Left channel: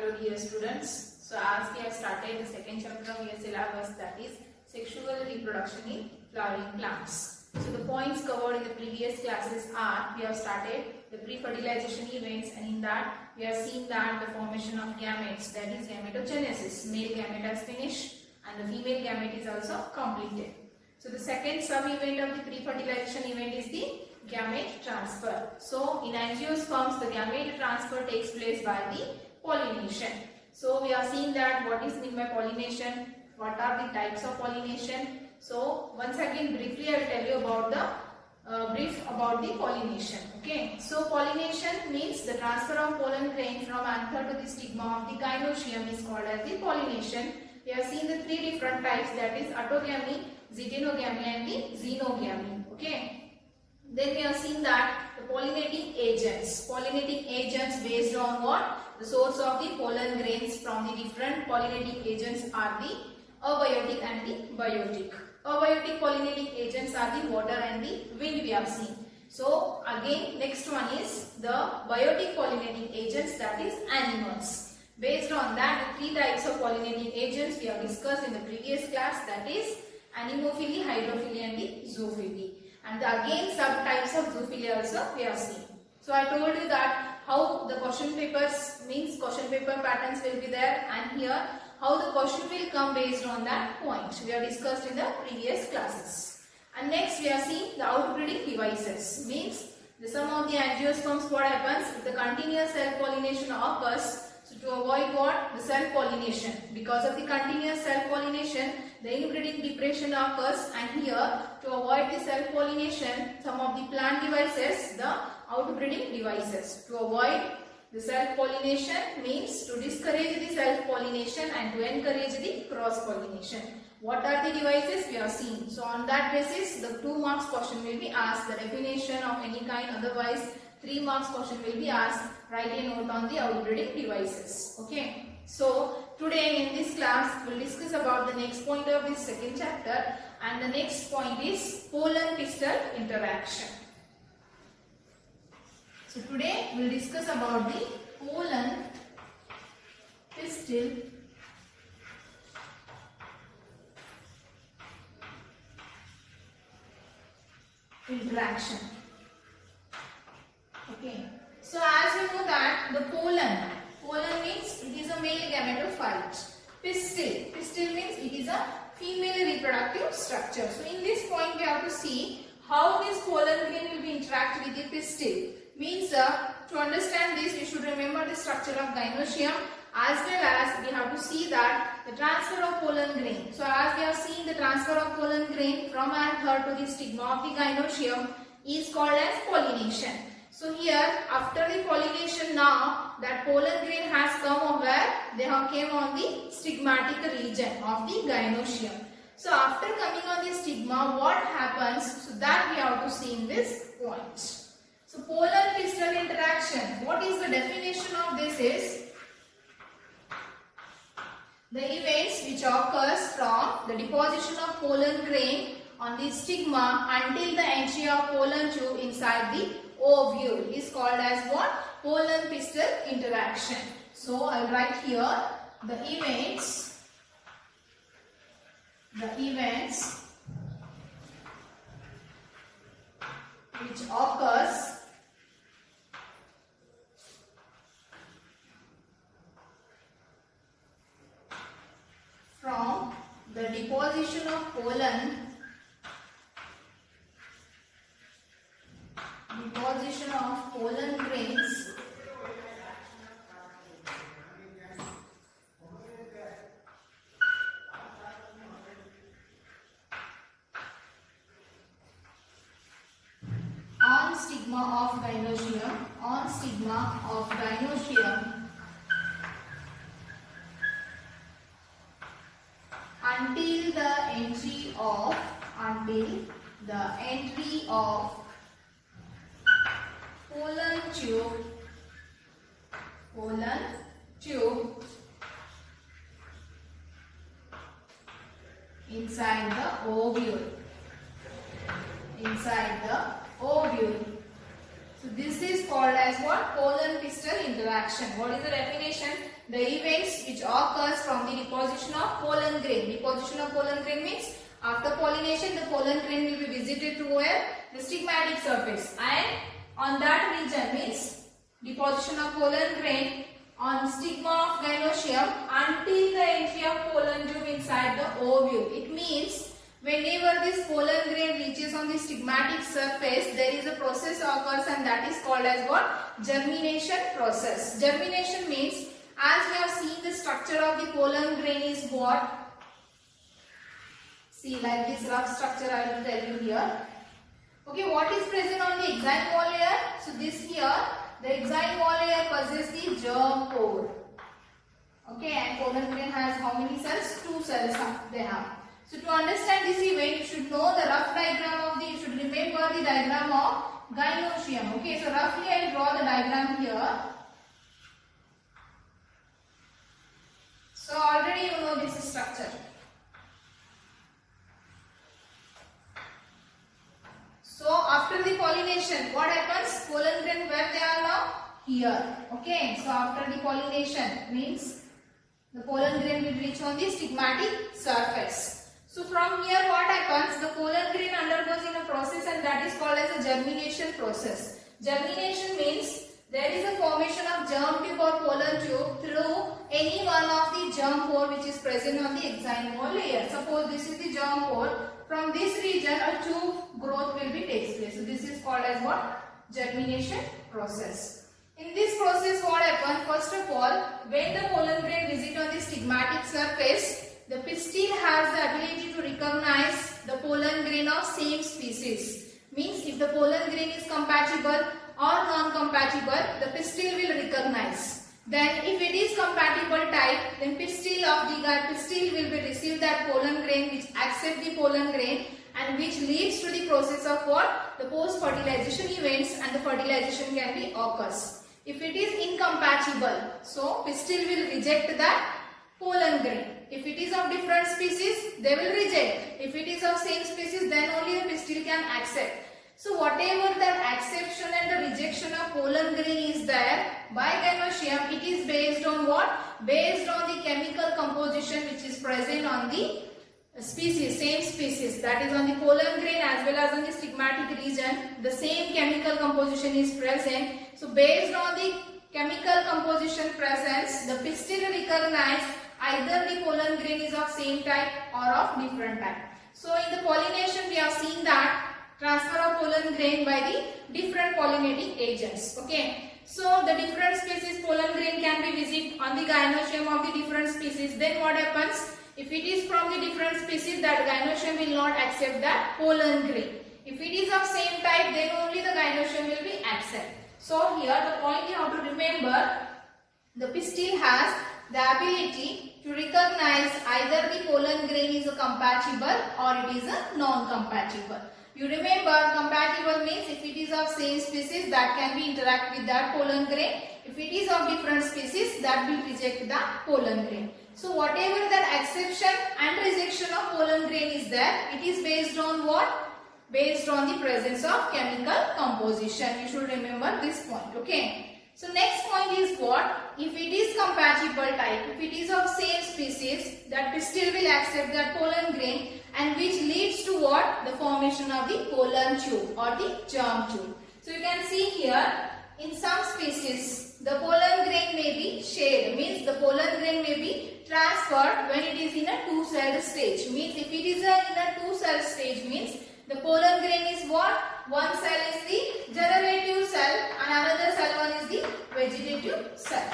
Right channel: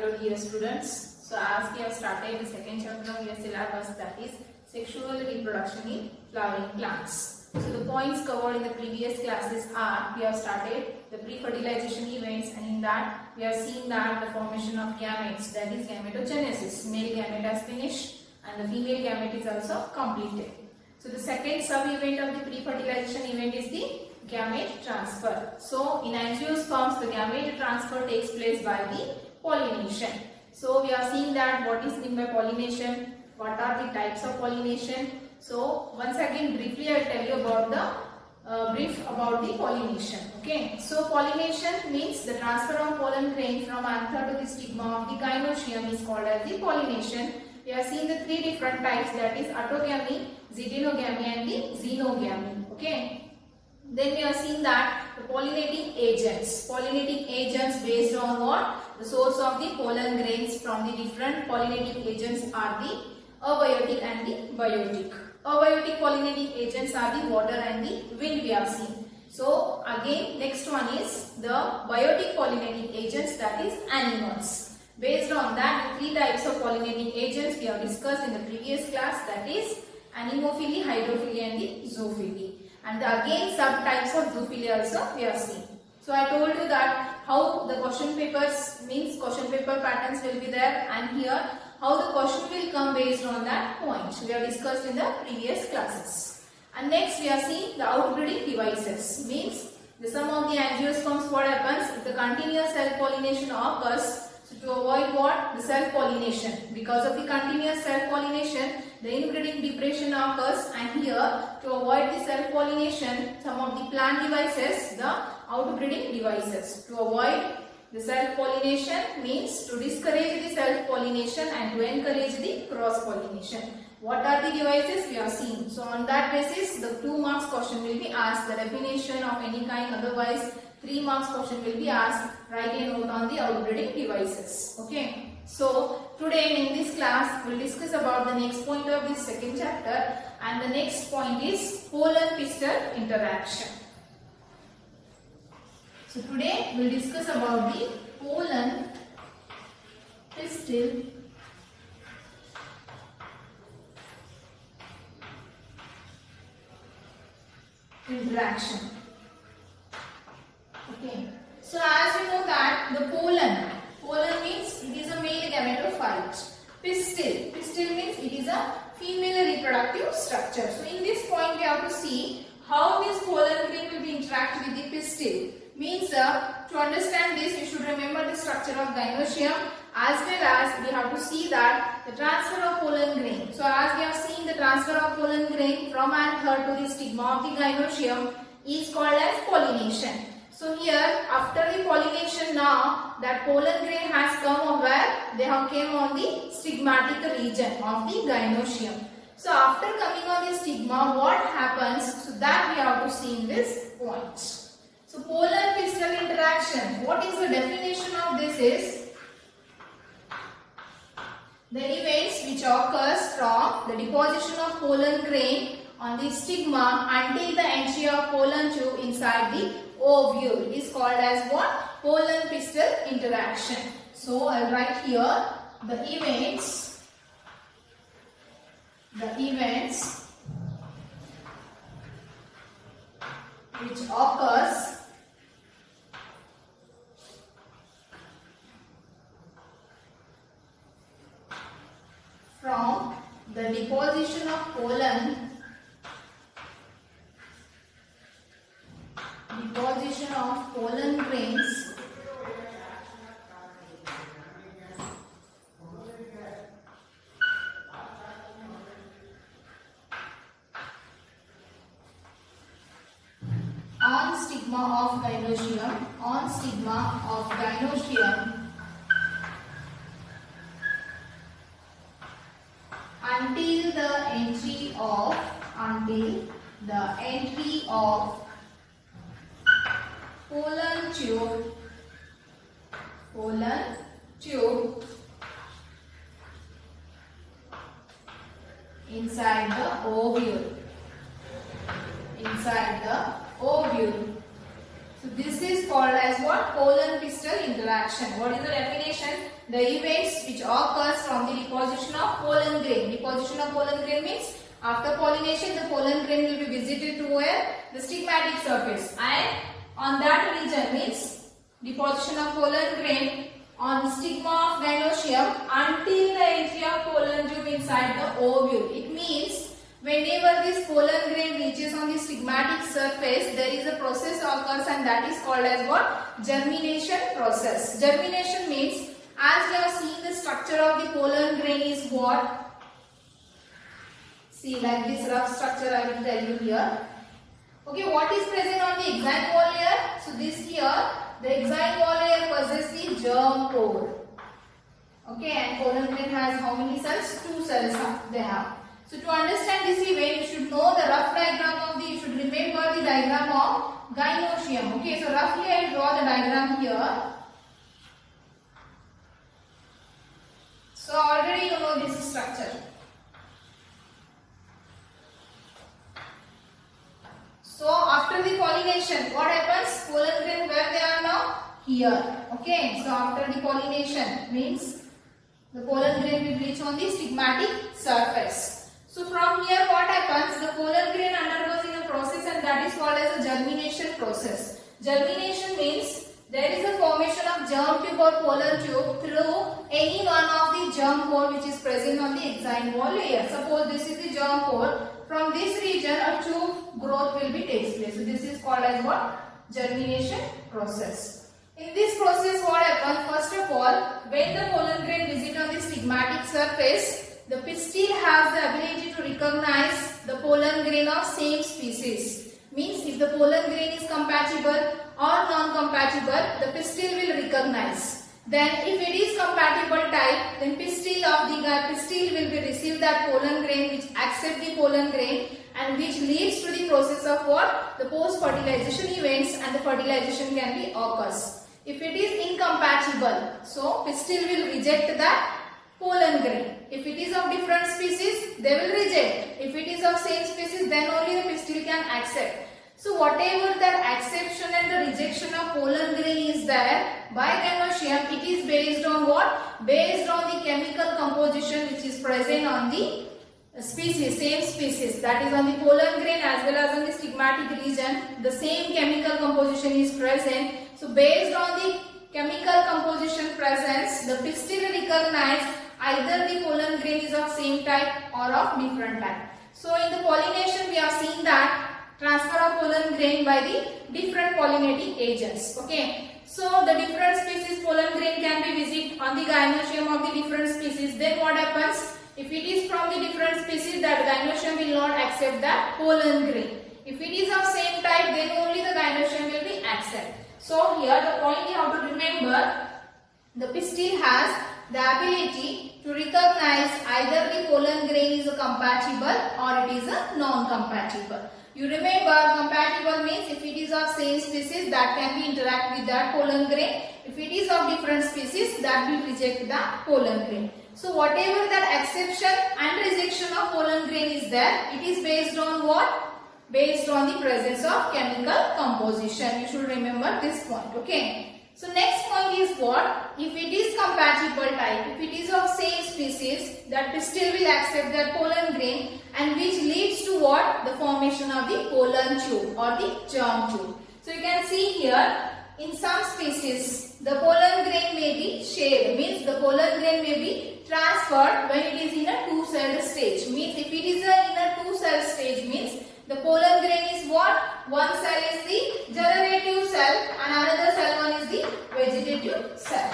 Hello dear students. So as we have started the second chapter of your syllabus, that is sexual reproduction in flowering plants. So the points covered in the previous classes are, we have started the pre-fertilization events, and in that we have seen that the formation of gametes, that is gametogenesis, male gamete has finished and the female gamete is also completed. So the second sub-event of the pre-fertilization event is the gamete transfer. So in angiosperms, the gamete transfer takes place by the pollination. So we are seeing that what is meant by pollination, what are the types of pollination. So once again briefly I will tell you about the brief about the pollination. Okay, so pollination means the transfer of pollen grain from anther to the stigma of the gynoecium is called as the pollination. We have seen the three different types, that is autogamy, zytenogamy and the xenogamy. Okay. Then we have seen that the pollinating agents based on what? The source of the pollen grains from the different pollinating agents are the abiotic and the biotic. Abiotic pollinating agents are the water and the wind, we have seen. So again next one is the biotic pollinating agents, that is animals. Based on that, the three types of pollinating agents we have discussed in the previous class, that is anemophily, hydrophily and the zoophily. And again subtypes of zoophily also we have seen. So I told you that how the question papers means question paper patterns will be there, and here how the question will come based on that point we have discussed in the previous classes. And next we have seen the outbreeding devices, means the sum of the angiosperms. What happens if the continuous self-pollination occurs? So to avoid what? The self-pollination. Because of the continuous self-pollination, the inbreeding depression occurs, and here to avoid the self-pollination, some of the plant devices, the outbreeding devices. To avoid the self-pollination means to discourage the self-pollination and to encourage the cross-pollination. What are the devices we have seen? So on that basis, the 2 marks question will be asked, the definition of any kind, otherwise 3 marks question will be asked, write a note on the outbreeding devices. Okay. So today in this class we will discuss about the next point of this second chapter, and the next point is pollen pistil interaction. So today we will discuss about the pollen pistil interaction. Okay. So as you know that the pollen means it is a male gametophyte. Pistil means it is a female reproductive structure. So in this point we have to see how this pollen grain will be interact with the pistil. Means to understand this, you should remember the structure of gynoecium, as well as we have to see that the transfer of pollen grain. So as we have seen, the transfer of pollen grain from anther to the stigma of the gynoecium is called as pollination. So here after the pollination, now that pollen grain has come over, they have came on the stigmatic region of the gynoecium. So after coming on the stigma, what happens? So that we have to see in this point. So pollen pistil interaction, what is the definition of this is the events which occurs from the deposition of pollen grain on the stigma until the entry of pollen tube inside the ovule is called as what? Pollen pistil interaction. So I will write here the events which occurs from the deposition of pollen grains on stigma of gynoecium until the entry of pollen tube inside the ovule. So this is called as what? Pollen pistil interaction. What is the definition? The events which occurs from the deposition of pollen grain. Deposition of pollen grain means after pollination the pollen grain will be visited to where? The stigmatic surface, and on that region means deposition of pollen grain on stigma of gynoecium until the entry of pollen tube inside the ovule. It means whenever this pollen grain reaches on the stigmatic surface, there is a process occurs, and that is called as what? Germination process. Germination means, as we have seen, the structure of the pollen grain is what? See, like this rough structure I will tell you here. Okay, what is present on the exine wall layer? So this here, the exine wall layer possesses the germ pore. Okay, and pollen grain has how many cells? 2 cells they have. So to understand this event, you should know the rough diagram of the, you should remember the diagram of gynoecium. Okay, so roughly I will draw the diagram here. So already you know this structure. So after the pollination, what happens? Pollen grain where they are now? Here. Okay, so after the pollination means the pollen grain will reach on the stigmatic surface. So from here what happens? The pollen grain undergoes in a process, and that is called as a germination process. Germination means there is a formation of germ tube or pollen tube through any one of the germ pore which is present on the exine wall layer. Suppose this is the germ pore. From this region a tube growth will be takes place. So this is called as what? Germination process. In this process what happens? First of all, when the pollen grain visits on the stigmatic surface, the pistil has the ability to recognize the pollen grain of same species. Means if the pollen grain is compatible or non-compatible, the pistil will recognize. Then if it is compatible type, then pistil of the pistil will be receive that pollen grain which accept the pollen grain, and which leads to the process of what? The post-fertilization events, and the fertilization can be occurs. If it is incompatible, so pistil will reject that pollen grain. If it is of different species, they will reject. If it is of same species, then only the pistil can accept. So whatever that acception and the rejection of pollen grain is there by gynoecium, it is based on what? Based on the chemical composition which is present on the species, same species, that is on the pollen grain as well as on the stigmatic region. The same chemical composition is present. So based on the chemical composition presence, the pistil recognize either the pollen grain is of same type or of different type. So in the pollination we have seen that transfer of pollen grain by the different pollinating agents. Okay, so the different species pollen grain can be visited on the gynoecium of the different species. Then what happens? If it is from the different species, that gynoecium will not accept that pollen grain. If it is of same type, then only the gynoecium will be accept. So here the point you have to remember, the pistil has the ability to recognize either the pollen grain is a compatible or it is a non-compatible. You remember, compatible means if it is of same species, that can be interact with that pollen grain. If it is of different species, that will reject that pollen grain. So whatever that exception and rejection of pollen grain is there, it is based on what? Based on the presence of chemical composition. You should remember this point. Okay. So next point is what? If it is compatible type, if it is of same species, that pistil will accept that pollen grain, and which leads to what? The formation of the pollen tube or the germ tube. So you can see here, in some species, the pollen grain may be shared, means the pollen grain may be transferred when it is in a two-celled stage. Means if it is in a two-cell stage, means the pollen grain is what? One cell is the generative cell and another cell one is the vegetative cell.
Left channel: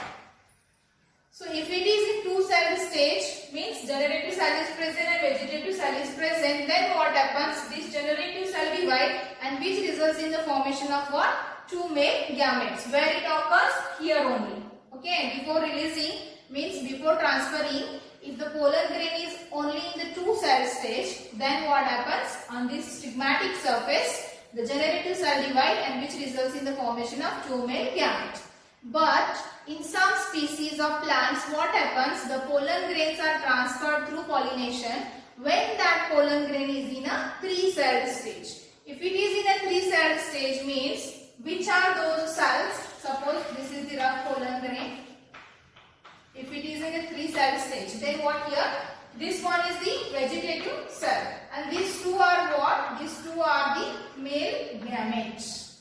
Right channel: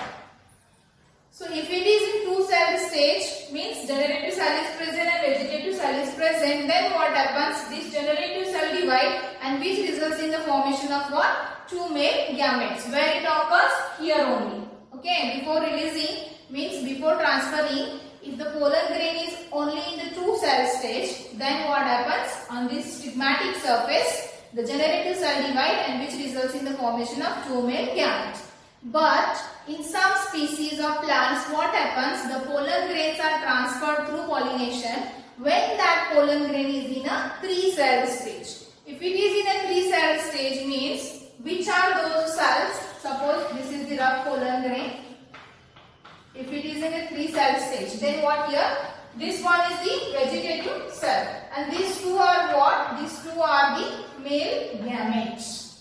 So if it is in two-celled stage, means generative cell is present and vegetative cell is present, then what happens? This generative cell divide, and which results in the formation of what? Two male gametes. Where it occurs? Here only. Okay, before releasing, means before transferring, if the pollen grain is only in the two-cell stage, then what happens? On this stigmatic surface, the generative cell divide, and which results in the formation of two male gametes. But in some species of plants, what happens? The pollen grains are transferred through pollination when that pollen grain is in a three-celled stage. If it is in a three-celled stage, means which are those cells cell stage. Then what here? This one is the vegetative cell, and these two are what? These two are the male gametes.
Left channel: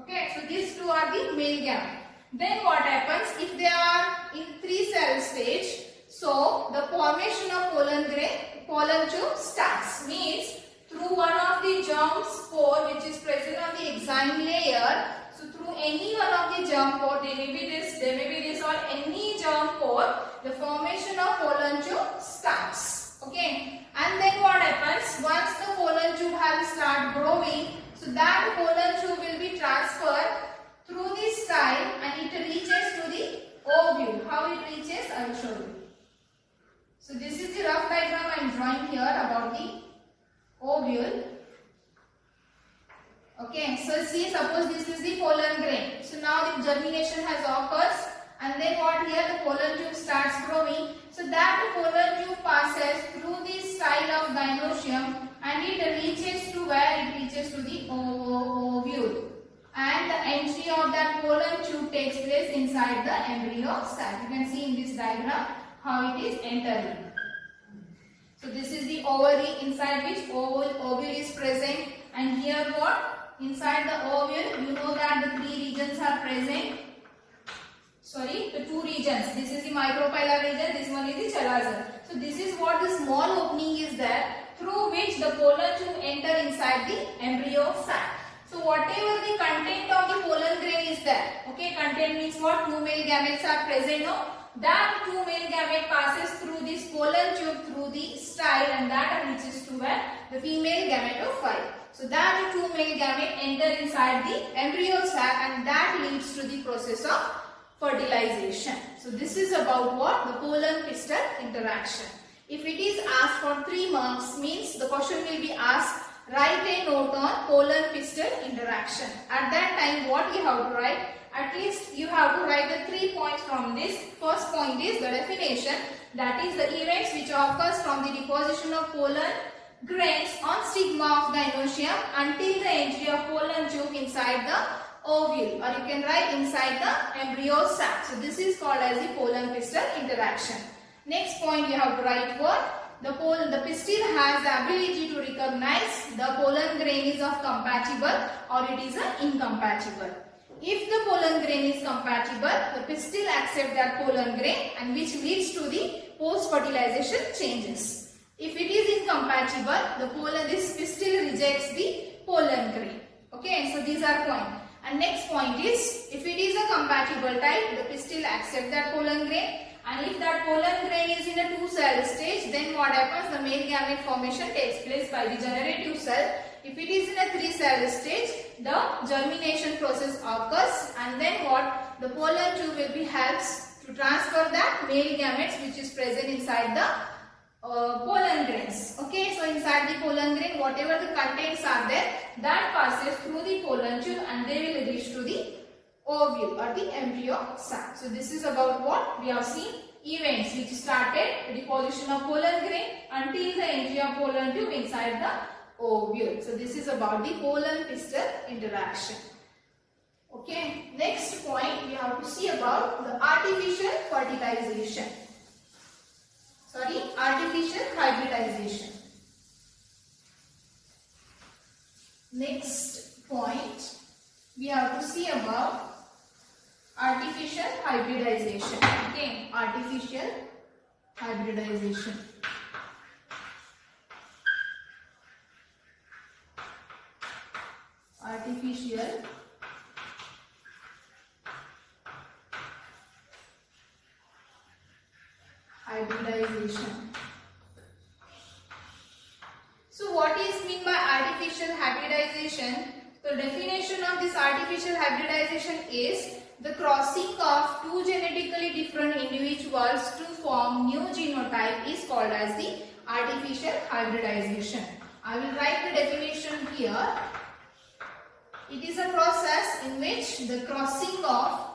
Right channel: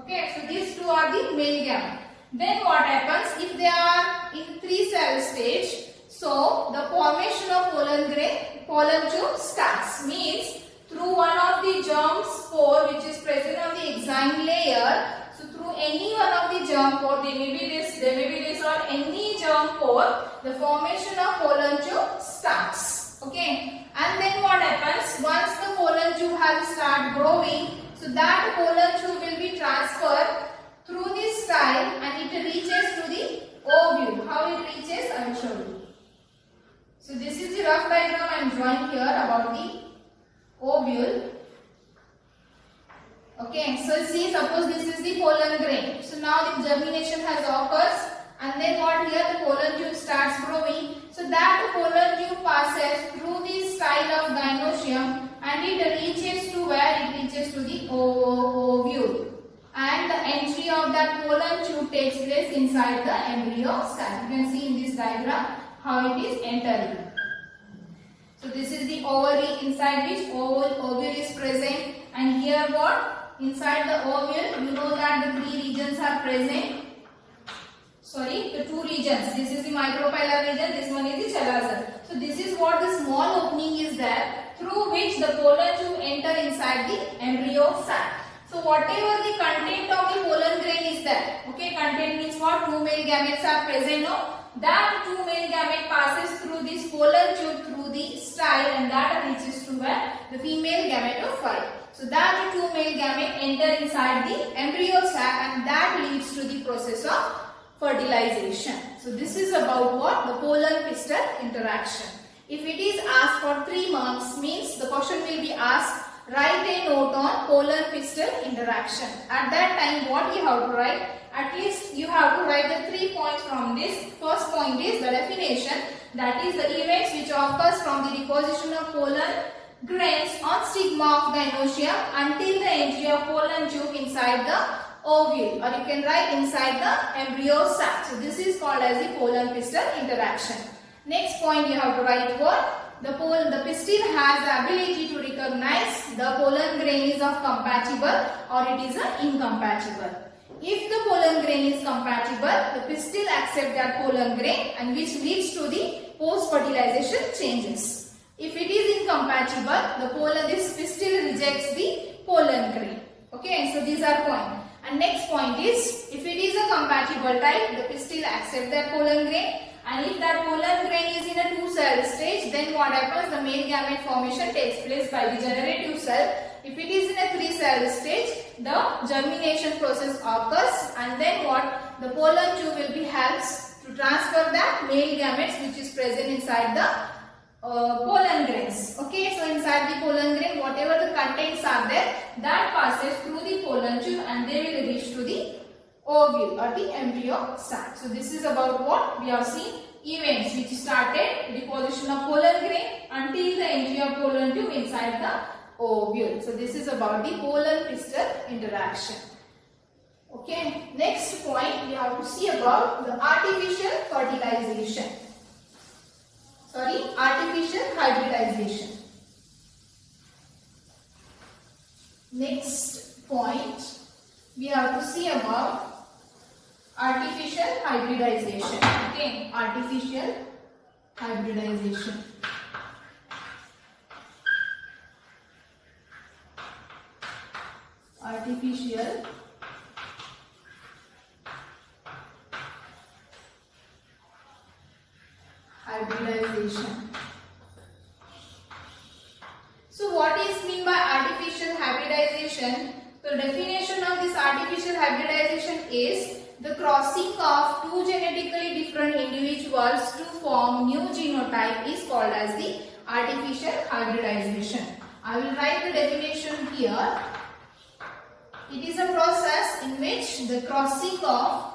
Okay, so these two are the male gametes. Then what happens if they are in 3 cell stage? So the formation of pollen tube starts. Means through one of the germ spore which is present on the exine layer. So through any one of the germ pore, there may be this or any germ pore, the formation of pollen tube starts. Okay, and then what happens once the pollen tube has start growing? So that pollen tube will be transferred through this style and it reaches to the ovule. How it reaches? I will show you. So this is the rough diagram I am drawing here about the ovule. Okay, so see, suppose this is the pollen grain. So now the germination has occurs, and then what here? The pollen tube starts growing. So that pollen tube passes through the style of gynoecium and it reaches to where? It reaches to the ovule. And the entry of that pollen tube takes place inside the embryo sac. You can see in this diagram how it is entering. So this is the ovary inside which ovule is present, and here what? Inside the ovule, you know that the 3 regions are present. Sorry, the 2 regions. This is the micropylar region, this one is the chalaza. So this is what the small opening is there through which the pollen tube enter inside the embryo sac. So whatever the content of the pollen grain is there, okay, content means what? 2 male gametes are present, no? That 2 male gamete passes through this pollen tube through the style and that reaches to where? The female gametophyte. So that 2 male gamete enter inside the embryo sac and that leads to the process of fertilization. So this is about what? The pollen pistil interaction. If it is asked for 3 marks, means the question will be asked, write a note on pollen pistil interaction. At that time what you have to write? At least you have to write the 3 points from this. First point is the definition, that is the events which occurs from the deposition of pollen grains on stigma of gynoecium until the entry of pollen tube inside the ovule, or you can write inside the embryo sac. So this is called as the pollen pistil interaction. Next point you have to write what? The pistil has the ability to recognize the pollen grain is of compatible or it is incompatible. If the pollen grain is compatible, the pistil accepts that pollen grain and which leads to the post-fertilization changes. If it is incompatible, this pistil rejects the pollen grain. Okay, so these are points. And next point is, if it is a compatible type, the pistil accepts that pollen grain. And if that pollen grain is in a 2 cell stage, then what happens? The male gamete formation takes place by the generative cell. If it is in a 3 cell stage, the germination process occurs, and then what? The pollen tube will be helps to transfer that male gametes which is present inside the pollen grains. Okay, so inside the pollen grain, whatever the contents are there, that passes through the pollen tube and they will reach to the ovule or the embryo sac. So this is about what we have seen, events which started deposition of pollen grain until the entry of pollen tube inside the ovule. So this is about the pollen pistil interaction. Okay, next point we have to see about the artificial fertilization. Sorry, artificial hybridization. Next point we have to see about artificial hybridization. Okay, artificial hybridization. Artificial hybridization. So what is mean by artificial hybridization? The definition of this artificial hybridization is the crossing of 2 genetically different individuals to form new genotype is called as the artificial hybridization. I will write the definition here. It is a process in which the crossing of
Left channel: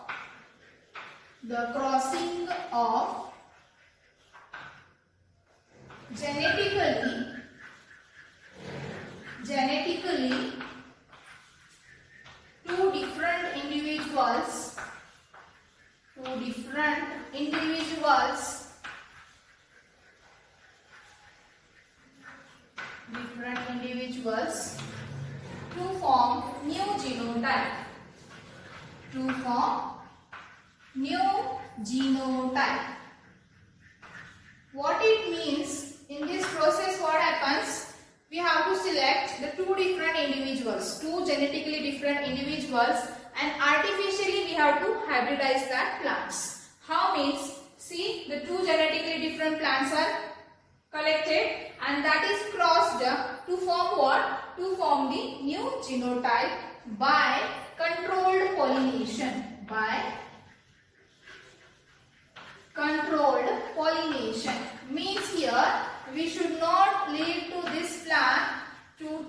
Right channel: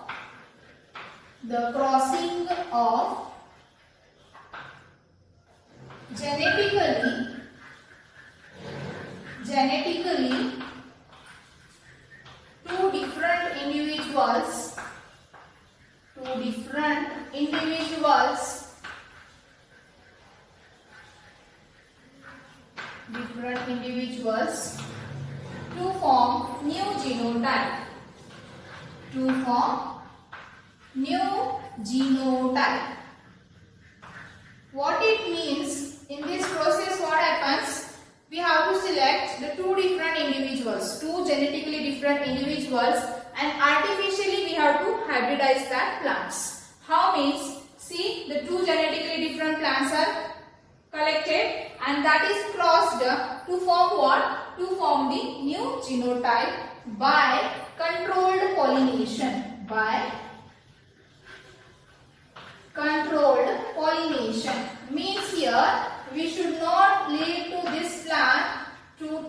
genetically two different individuals to form new genotype. To form new genotype. What it means, in this process what happens? We have to select the two different individuals, two genetically different individuals, and artificially we have to hybridize that plants. How means? See, the two genetically different plants are collected and that is crossed to form what? To form the new genotype by controlled pollination. By controlled pollination. Means here we should not leave to this plant to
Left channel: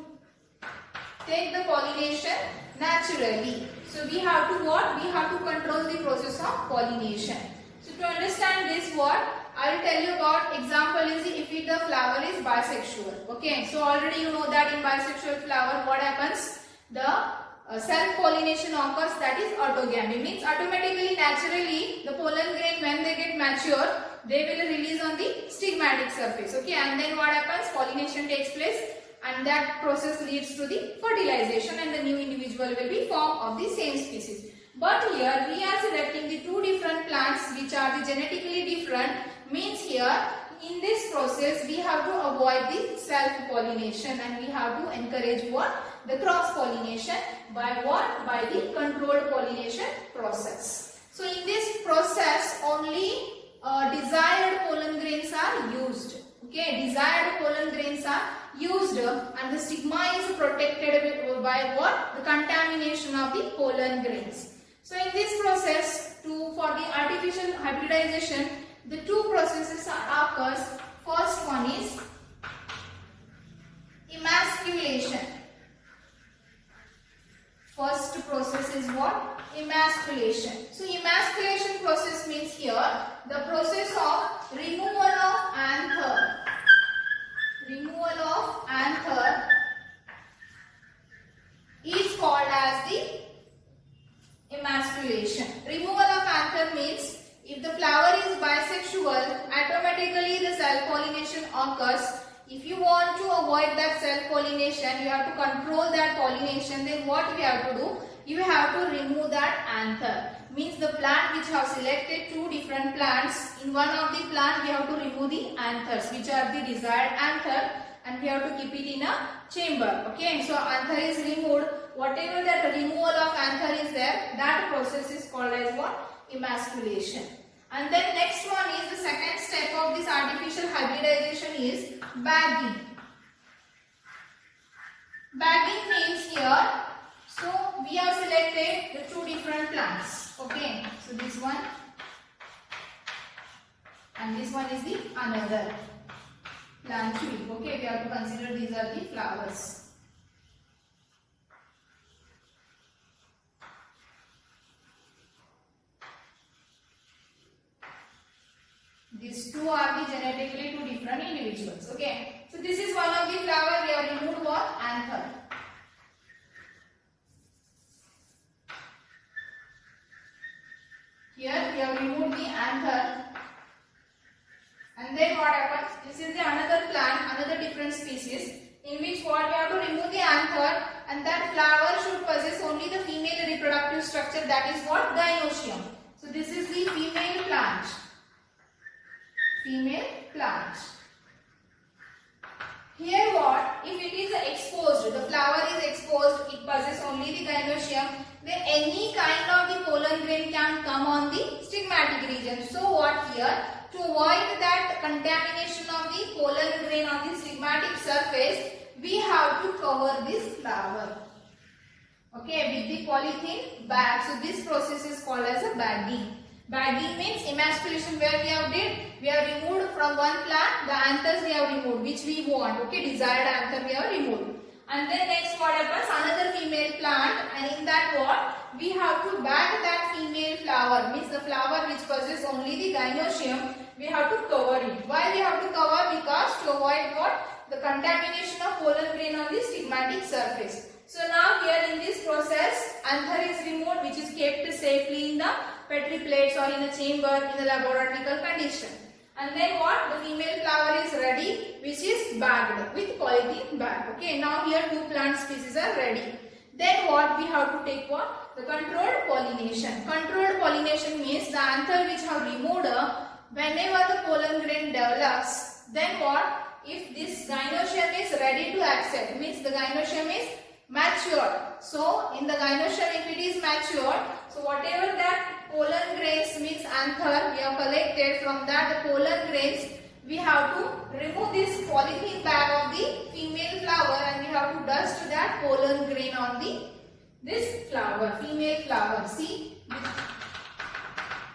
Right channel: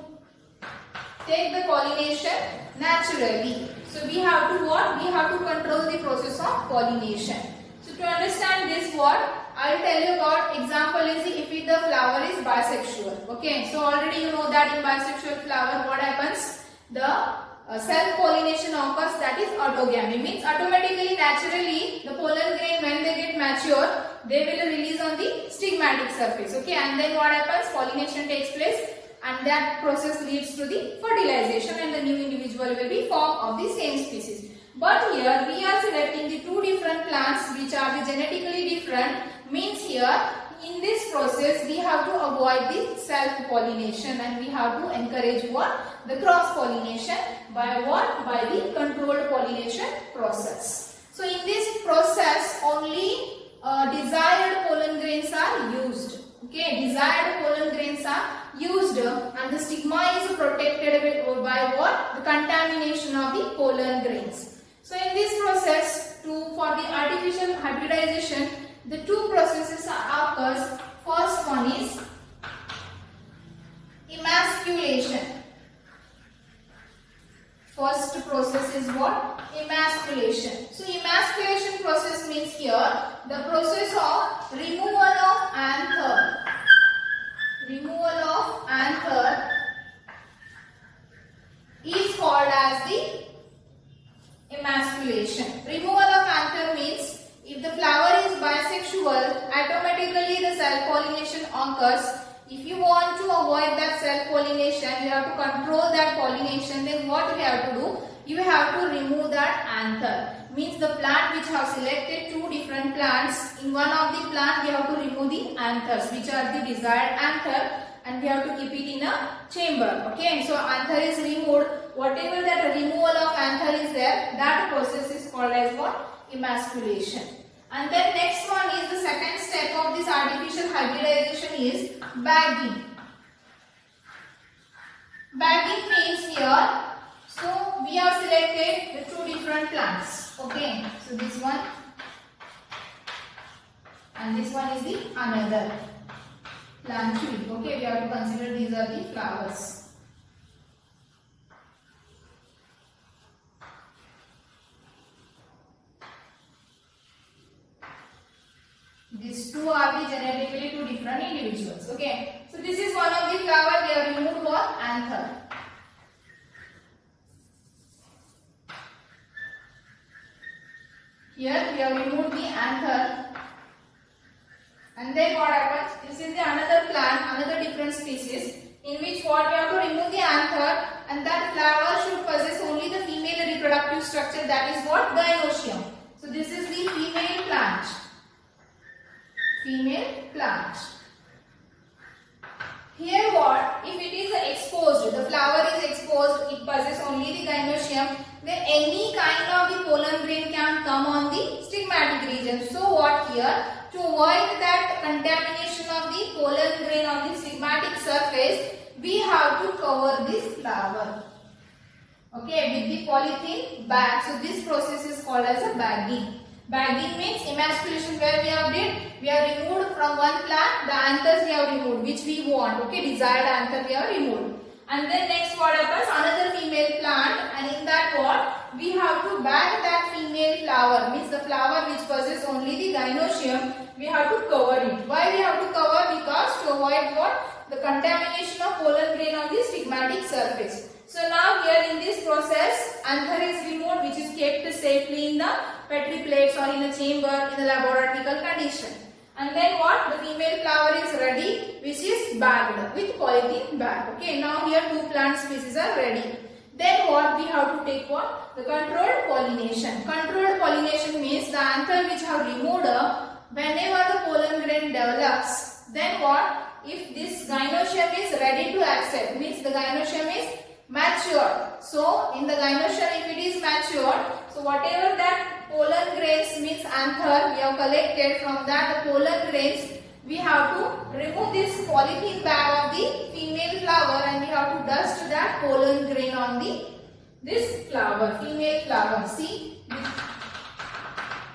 take the pollination naturally. So we have to what? We have to control the process of pollination. So to understand this, what I will tell you about example is if the flower is bisexual. Okay, so already you know that in bisexual flower what happens? The self-pollination occurs, that is autogamy. Means automatically, naturally, the pollen grain when they get mature, they will release on the stigmatic surface. Okay, and then what happens? Pollination takes place and that process leads to the fertilization and the new individual will be formed of the same species. But here we are selecting the two different plants which are the genetically different. Means here in this process we have to avoid the self-pollination and we have to encourage what? The cross-pollination. By what? By the controlled pollination process. So in this process only desired pollen grains are used. Okay, desired pollen grains are used and the stigma is protected by what? The contamination of the pollen grains. So in this process, for the artificial hybridization, the two processes occurs. First one is emasculation. First process is what? Emasculation. So emasculation process means here the process of removal of anther. Removal of anther is called as the emasculation. Removal of anther means if the flower is bisexual, automatically the self-pollination occurs. If you want to avoid that self-pollination, you have to control that pollination, then what you have to do? You have to remove that anther. Means the plant which have selected two different plants, in one of the plant we have to remove the anthers which are the desired anther and we have to keep it in a chamber. Okay, so anther is removed. Whatever that removal of anther is there, that process is called as what? Emasculation. And then next one is the second step of this artificial hybridization is bagging. Bagging means here, so we have selected the two different plants. Okay, so this one and this one is the another plant tree. Okay, we have to consider these are the flowers. These two are the genetically two different individuals. Okay, so this is one of the flower. We have removed what? Anther. Here we have removed the anther. And then what happens? This is the another plant, another different species, in which what we have to remove the anther, and that flower should possess only the female reproductive structure, that is what? Gynoecium. So this is the female plant. Female plant. Here what? If it is exposed, the flower is exposed, it possesses only the gynoecium, then any kind of the pollen grain can come on the stigmatic region. So what here? To avoid that contamination of the pollen grain on the stigmatic surface, we have to cover this flower. Okay, with the polythene bag. So this process is called as a bagging. Bagging means emasculation, where we have removed from one plant the anthers we have removed which we want. Okay, desired anther we have removed. And then next what happens? Another female plant, and in that what? We have to bag that female flower, means the flower which possesses only the gynoecium, we have to cover it. Why we have to cover? Because to avoid what? The contamination of pollen grain on the stigmatic surface. So now here in this process, anther is removed which is kept safely in the Petri plates or in a chamber in a laboratory condition. and then what? The female flower is ready, which is bagged with polythene bag. Okay, now here two plant species are ready. Then what? We have to take what? The controlled pollination. Controlled pollination means the anther which have removed whenever the pollen grain develops. Then what? If this gynoecium is ready to accept, means the gynoecium is mature. So in the gynoecium, if it is mature, so whatever that pollen grains means anther we have collected, from that the pollen grains we have to remove this polythene bag of the female flower and we have to dust that pollen grain on this flower, female flower. See,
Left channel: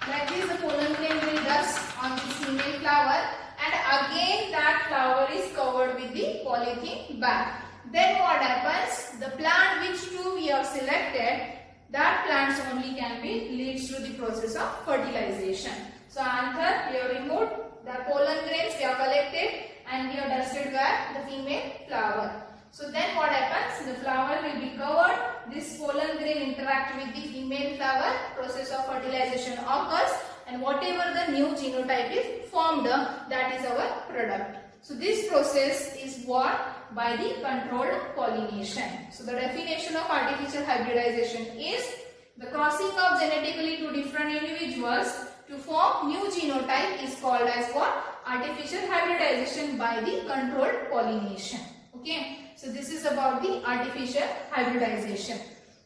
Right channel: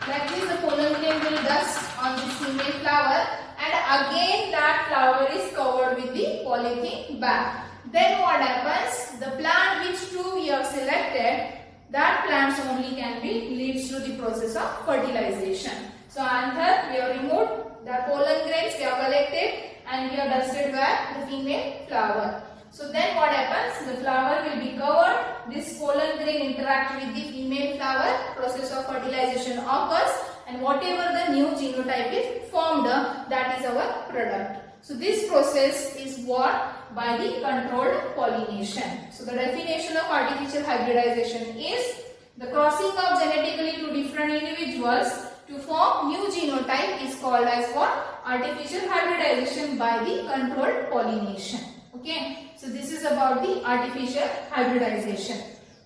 like this the pollen grain will dust on this female flower, and again that flower is covered with the polythene bag. Then what happens? The plant which two we have selected, that plants only can be leads through the process of fertilization. So anther we have removed, the pollen grains we have collected and we have dusted where? The female flower. So then what happens? The flower will be covered, this pollen grain interact with the female flower, process of fertilization occurs, and whatever the new genotype is formed, that is our product. So this process is what? By the controlled pollination. So the definition of artificial hybridization is the crossing of genetically two different individuals to form new genotype is called as what? Artificial hybridization by the controlled pollination. Okay. So this is about the artificial hybridization.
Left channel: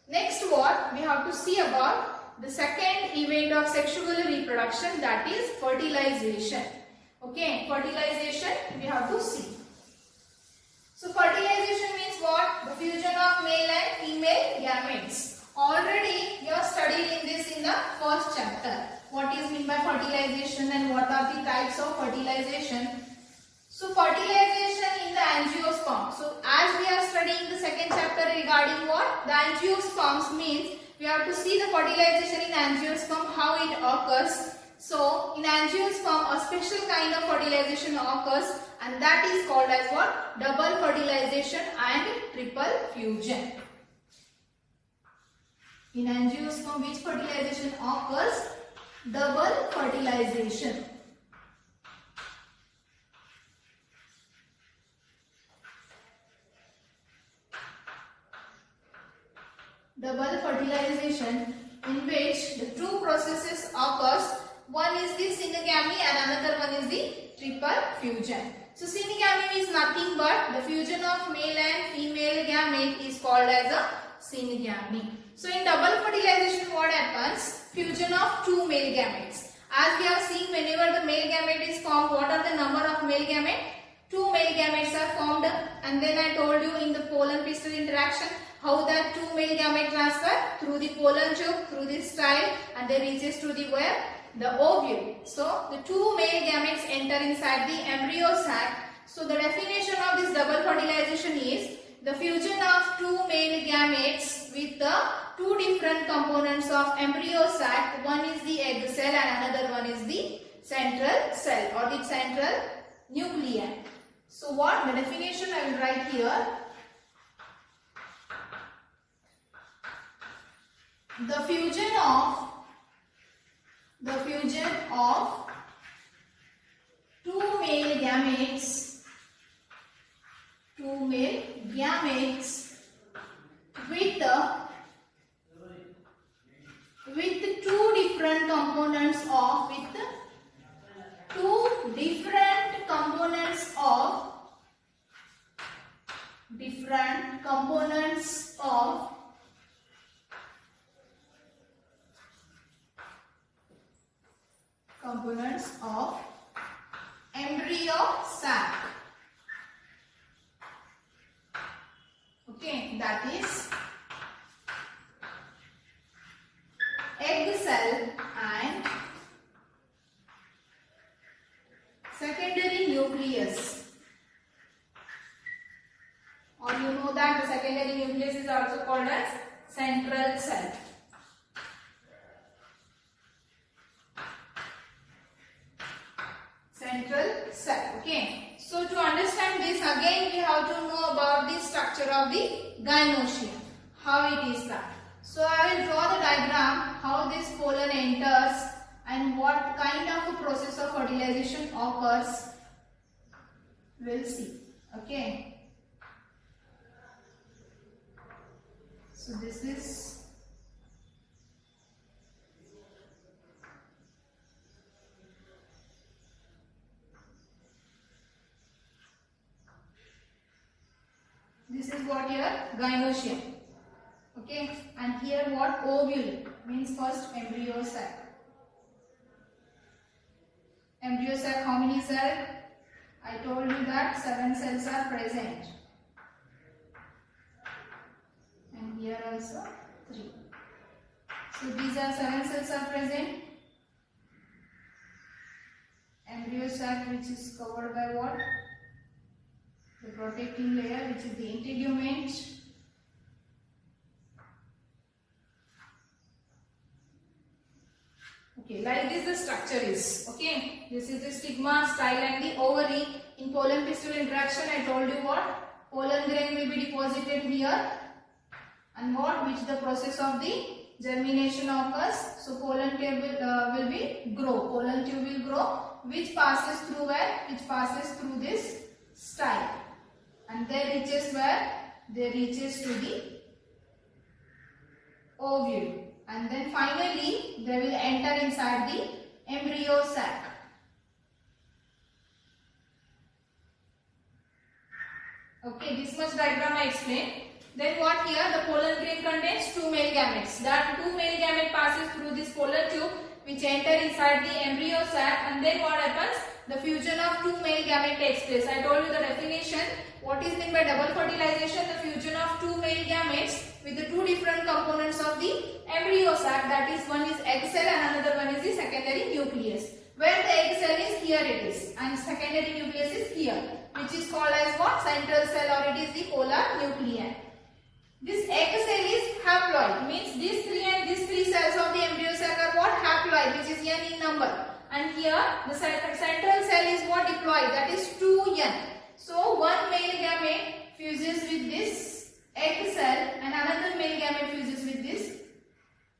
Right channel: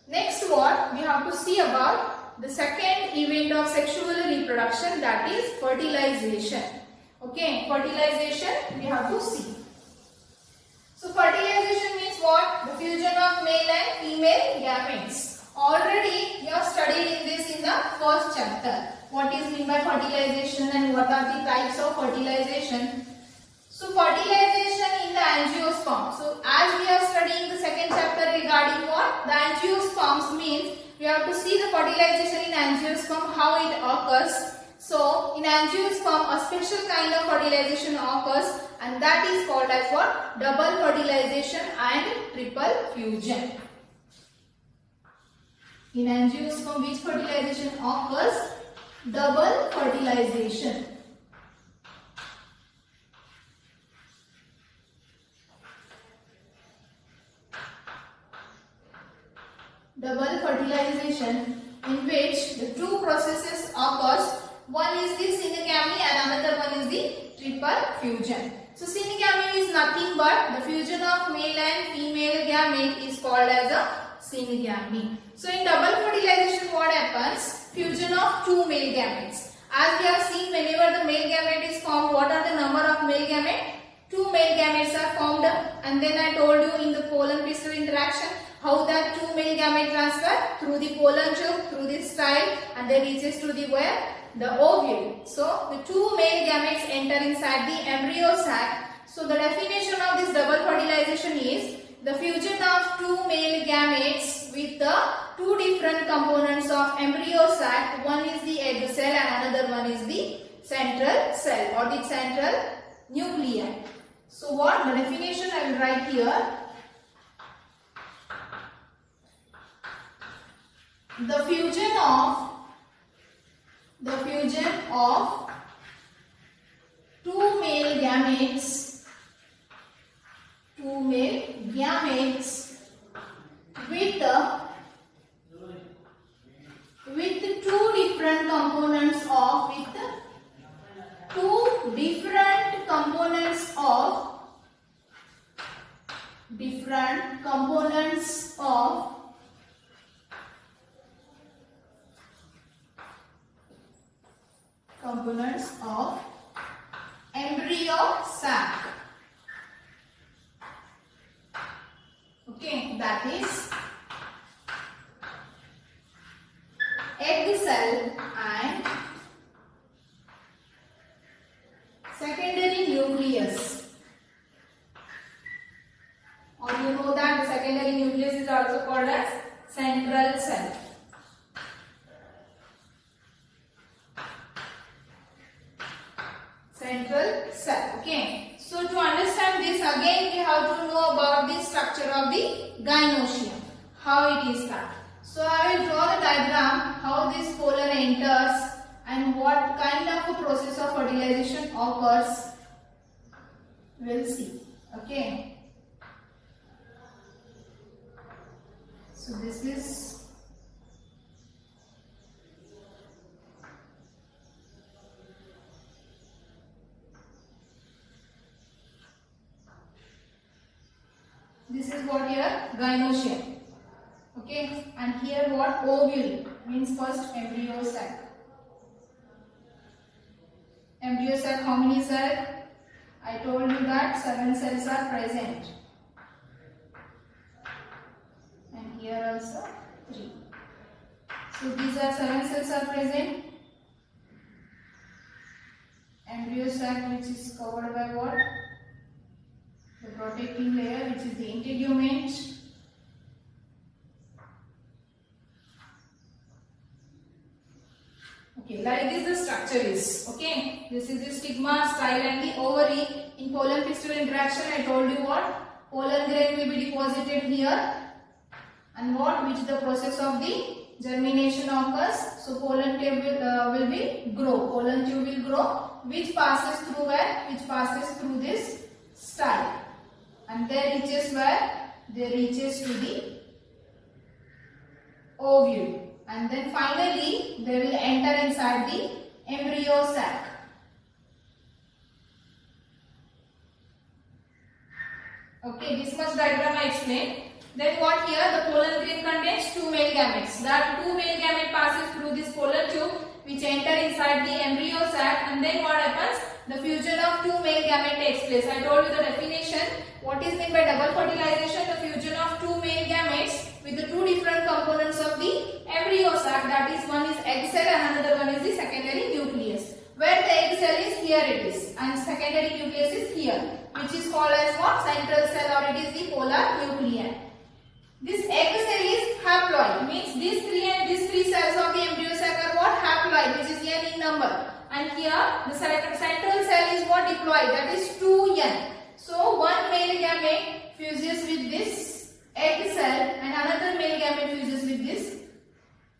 Next what? We have to see about the second event of sexual reproduction, that is fertilization. Okay. Fertilization we have to see. So fertilization means what? The fusion of male and female gametes. Already you have studied in this in the first chapter. What is meant by fertilization and what are the types of fertilization. So fertilization in the angiosperm. So as we are studying the second chapter regarding what? The angiosperms means we have to see the fertilization in angiosperm, how it occurs. So in angiosperm a special kind of fertilization occurs, and that is called as what? Double fertilization and triple fusion. In angiosperm which fertilization occurs? Double fertilization. Double fertilization in which the two processes occurs. One is the synegamy and another one is the triple fusion. So synegamy is nothing but the fusion of male and female gamete is called as a synegamy. So in double fertilization what happens? Fusion of two male gametes. As we have seen, whenever the male gamete is formed, what are the number of male gametes? Two male gametes are formed, and then I told you in the pollen crystal interaction how that two male gamete transfer through the pollen tube, through this style, and then reaches to the where? The ovule. So the two male gametes enter inside the embryo sac. So the definition of this double fertilization is the fusion of two male gametes with the two different components of embryo sac. One is the egg cell and another one is the central cell or the central nuclei. So what the definition I will write here. The fusion of two male gametes with two different components of embryo sac. Okay, that is egg cell and secondary nucleus. Or you know that the secondary nucleus is also called as central cell. Central cell. Okay. So to understand this, again we have to know about the structure of the gynoecium. How it is that. So I will draw the diagram how this pollen enters and what kind of a process of fertilization occurs, we'll see. Okay. So this is what here gynoecium. Okay, and here what ovule means first embryo sac. Embryo sac, how many cells? I told you that 7 cells are present, and here also 3. So these are 7 cells are present. Embryo sac which is covered by what? The protecting layer, which is the integument. Okay, like this the structure is. Okay, this is the stigma, style and the ovary. In pollen pistil interaction, I told you what? Pollen grain will be deposited here, and what? Which the process of the germination occurs. So pollen tube will be grow. Pollen tube will grow, which passes through where? Which passes through this style. And they reaches where? They reaches to the ovule, and then finally they will enter inside the embryo sac. Okay, this much diagram I explained. Then what here? The pollen grain contains 2 male gametes. That 2 male gamete passes through this pollen tube, which enter inside the embryo sac, and then what happens? The fusion of 2 male gamete takes place. I told you the definition. What is meant by double fertilization? The fusion of 2 male gametes with the 2 different components of the embryo sac. That is, one is egg cell and another one is the secondary nucleus. Where the egg cell is, here it is, and secondary nucleus is here, which is called as what? Central cell, or it is the polar nuclei. This egg cell is haploid, means these 3 and these 3 cells of the embryo sac are what? Haploid, which is n in number. And here the central cell is what? Diploid, that is 2n. So one male gamete fuses with this egg cell and another male gamete fuses with this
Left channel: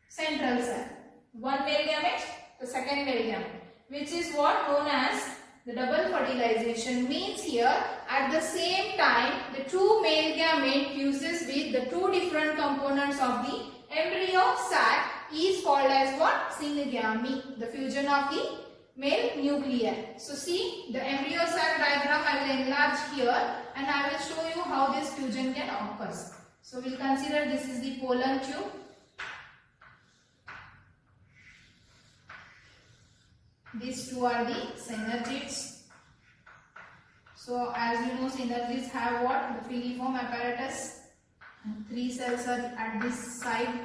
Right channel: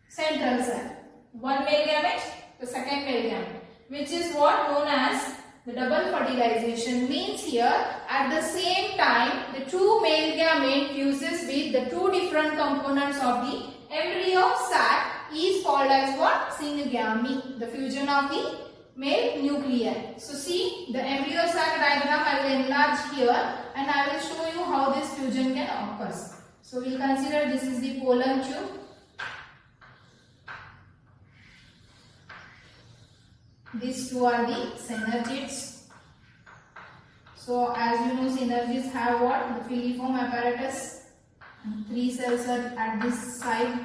central cell. One male gamete, the second male gamete, which is what known as the double fertilization. Means here at the same time the 2 male gamete fuses with the 2 different components of the embryo sac is called as what? Synegamy, the fusion of the male nuclei. So see the embryo sac diagram I will enlarge here, and I will show you how this fusion can occur. So we consider this is the pollen tube. These 2 are the synergids. So as you know, synergids have what? The filiform apparatus, and 3 cells are at this side,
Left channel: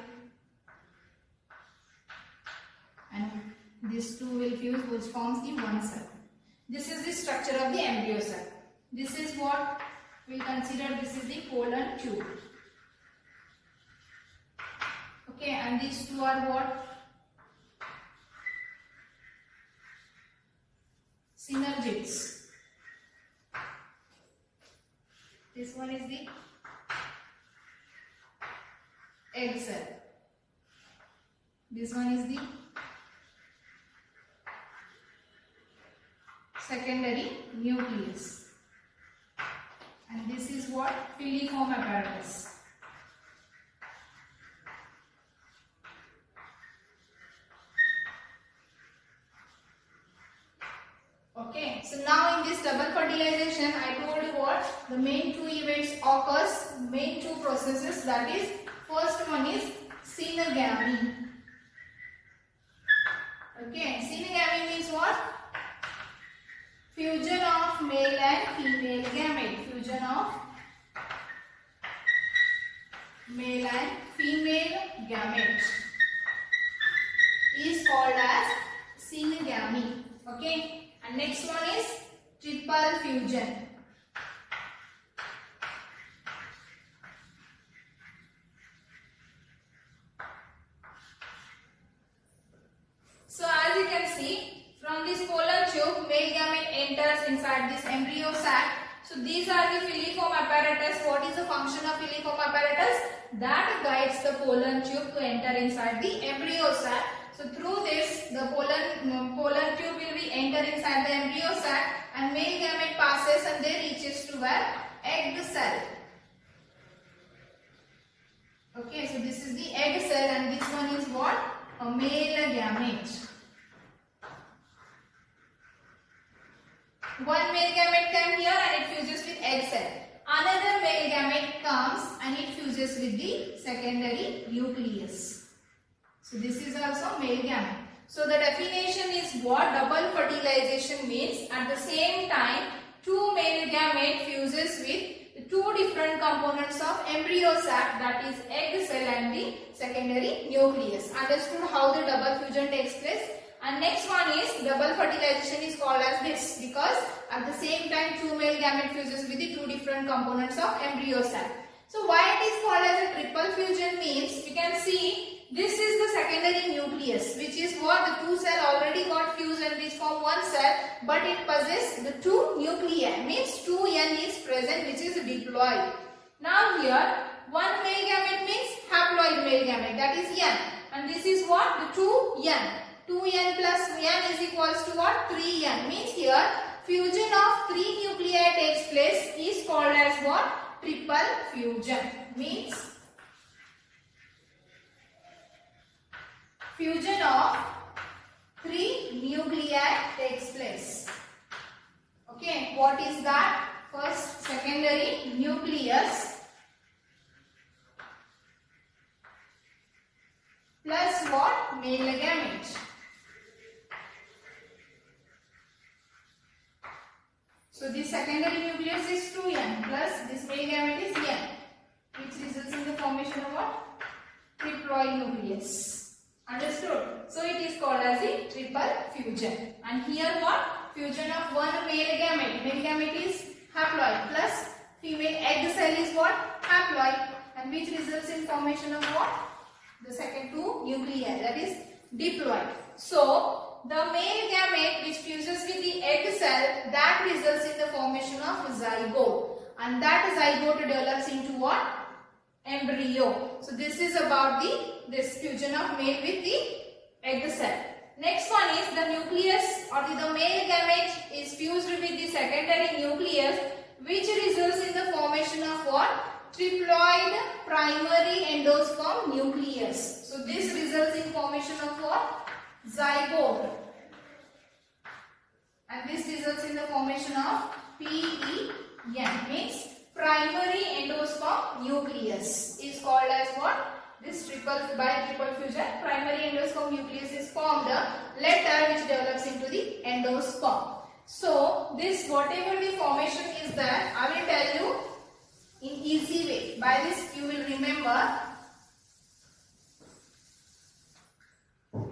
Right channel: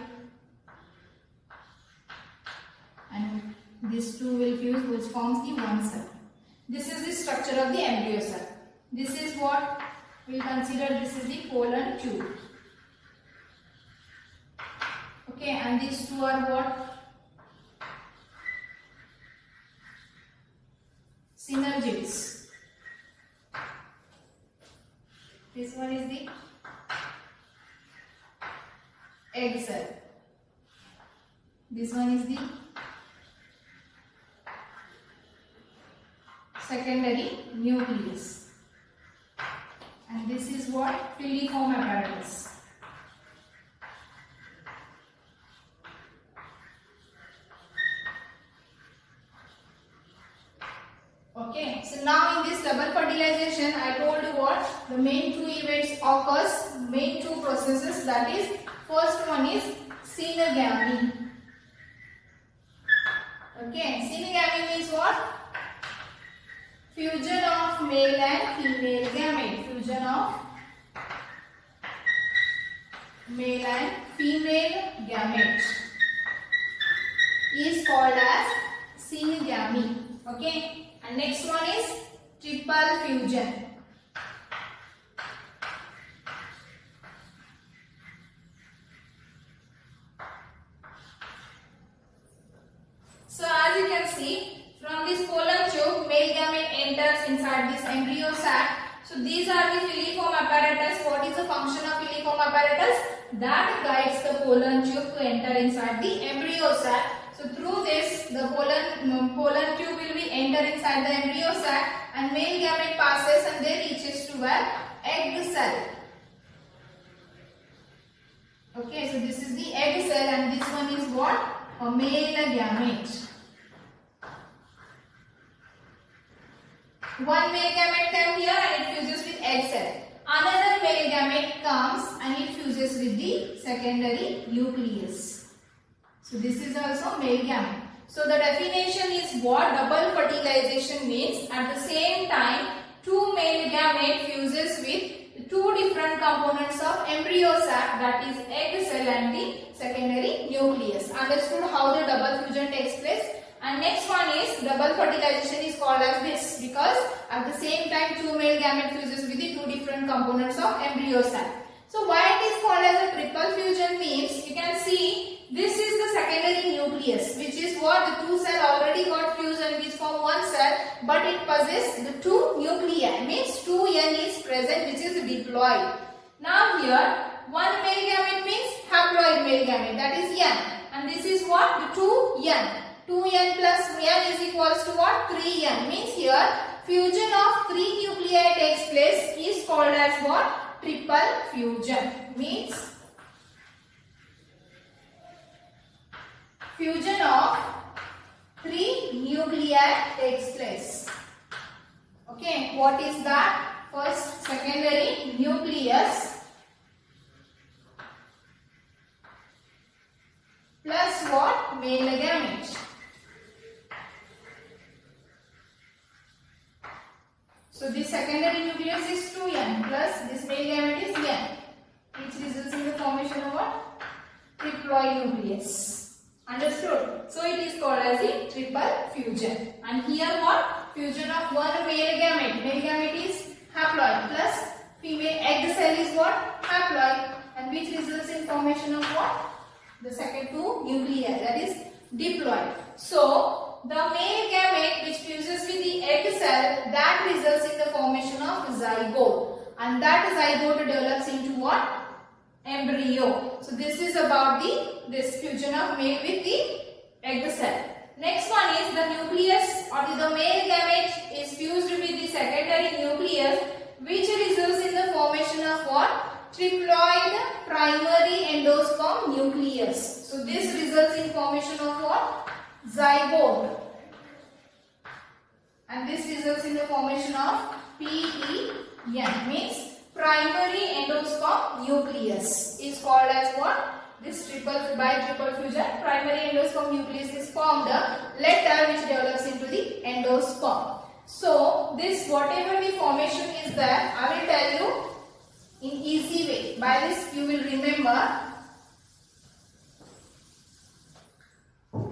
and these 2 will fuse, which forms the one cell. This is the structure of the embryo cell. This is what we will consider, this is the pollen tube. Okay, and these 2 are what? Synergids. This one is the egg cell. This one is the secondary nucleus, and this is what? Filiform apparatus. Okay, so now in this double fertilization I told you what? The main 2 events occurs, main 2 processes, that is, first one is synegamy. Okay, synegamy means what? Fusion of male and female gamete. Fusion of male and female gamete is called as synegamy. Okay, and next one is triple fusion. So as you can see, from this pollen tube, male gamete enters inside this embryo sac. So these are the filiform apparatus. What is the function of filiform apparatus? That guides the pollen tube to enter inside the embryo sac. So through this, the pollen tube will be enter inside the embryo sac, and male gamete passes and then reaches to where? Egg cell. Okay, so this is the egg cell, and this one is what? A male gamete. One male gamete comes here and it fuses with egg cell. Another male gamete comes and it fuses with the secondary nucleus. So this is also male gamete. So the definition is what double fertilization means. At the same time, two male gamete fuses with two different components of embryo sac, that is egg cell and the secondary nucleus. Understood how the double fusion takes place? And next one is double fertilization is called as this because at the same time two male gamete fuses with the two different components of embryo sac. So why it is called as a triple fusion means you can see this is the secondary nucleus, which is what the two cell already got fused and this form one cell, but it possesses the two nuclei, means 2N is present, which is diploid. Now here one male gamete means haploid male gamete, that is N, and this is what? The 2N. 2N plus N is equals to what? 3N. Means here fusion of 3 nuclei takes place is called as what? Triple fusion. Means fusion of 3 nuclei takes place. Okay, what is that? First, secondary nucleus plus what? Male gamete. So this secondary nucleus is 2N plus this male gamete is N, which results in the formation of what? Triploid nucleus. Understood? So it is called as the triple fusion. And here what? Fusion of one male gamete. Male gamete is haploid plus female egg cell is what? Haploid, and which results in formation of what? The second two nuclei, that is diploid. So the male gamete which fuses with the egg cell, that results in the formation of zygote, and that zygote develops into what? Embryo. So this is about this fusion of male with the egg cell. Next one is the nucleus or the male gamete is fused with the secondary nucleus, which results in the formation of what? Triploid primary endosperm nucleus. So this results in formation of what? Zygote, and this results in the formation of PEN, means primary endosperm nucleus is called as what? This triple fusion, primary endosperm nucleus is formed later, which develops into the endosperm. So this whatever the formation is there, I will tell you in easy way. By this you will remember.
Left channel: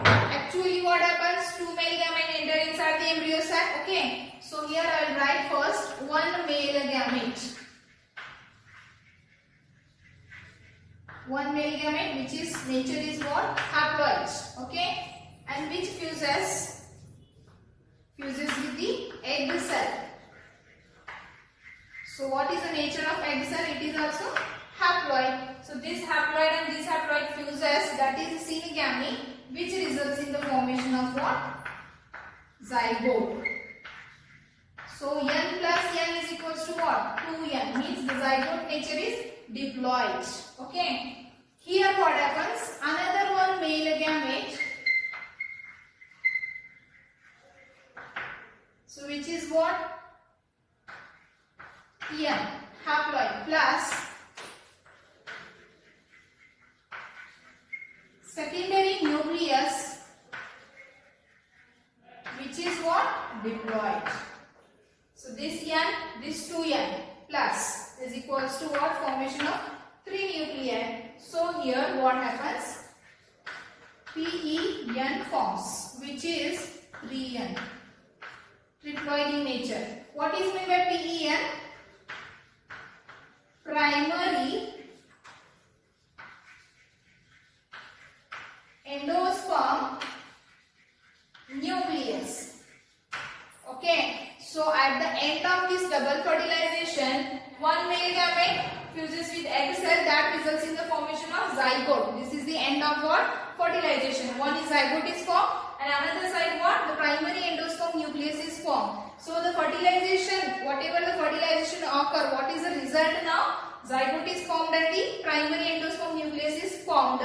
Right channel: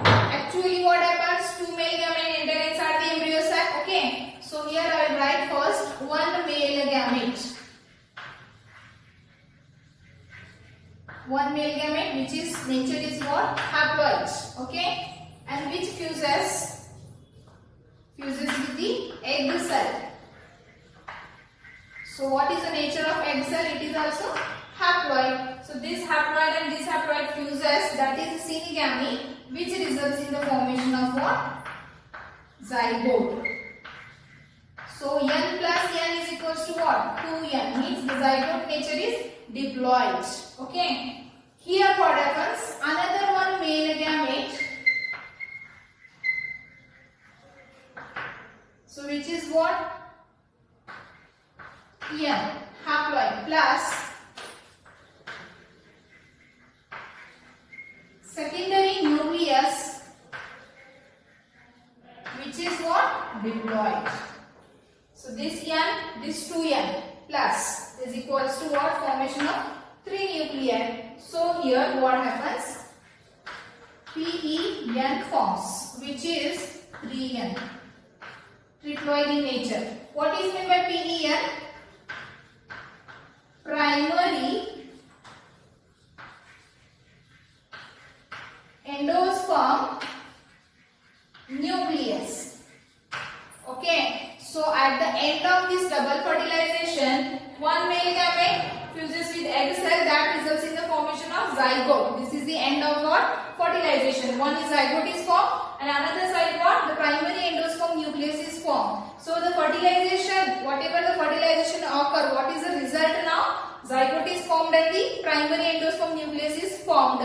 Actually what happens? Two male gamete enter inside the embryo sac. Okay. So here I will write first one male gamete. One male gamete which is nature is what? Haploid. Okay. And which fuses with the egg cell. So what is the nature of egg cell? It is also haploid. So this haploid and this haploid fuses, that is synegamy, which results in the formation of what? Zygote. So N plus N is equals to what? 2N, means the zygote nature is diploid. Okay. Here what happens? Another one male gamete. So which is what? N, haploid plus secondary nucleus, which is what? Diploid. So this N, this 2N plus is equals to what? Formation of 3 nuclei. So here what happens? PEN forms, which is 3N. Triploid in nature. What is meant by PEN? Primary endosperm nucleus. Okay. So at the end of this double fertilization, one male gamete fuses with egg cell, that results in the formation of zygote. This is the end of what? Fertilization. One is zygote is formed and another side what? The primary endosperm nucleus is formed. So the fertilization, whatever the fertilization occur, what is the result now? Zygote is formed and the primary endosperm nucleus is formed.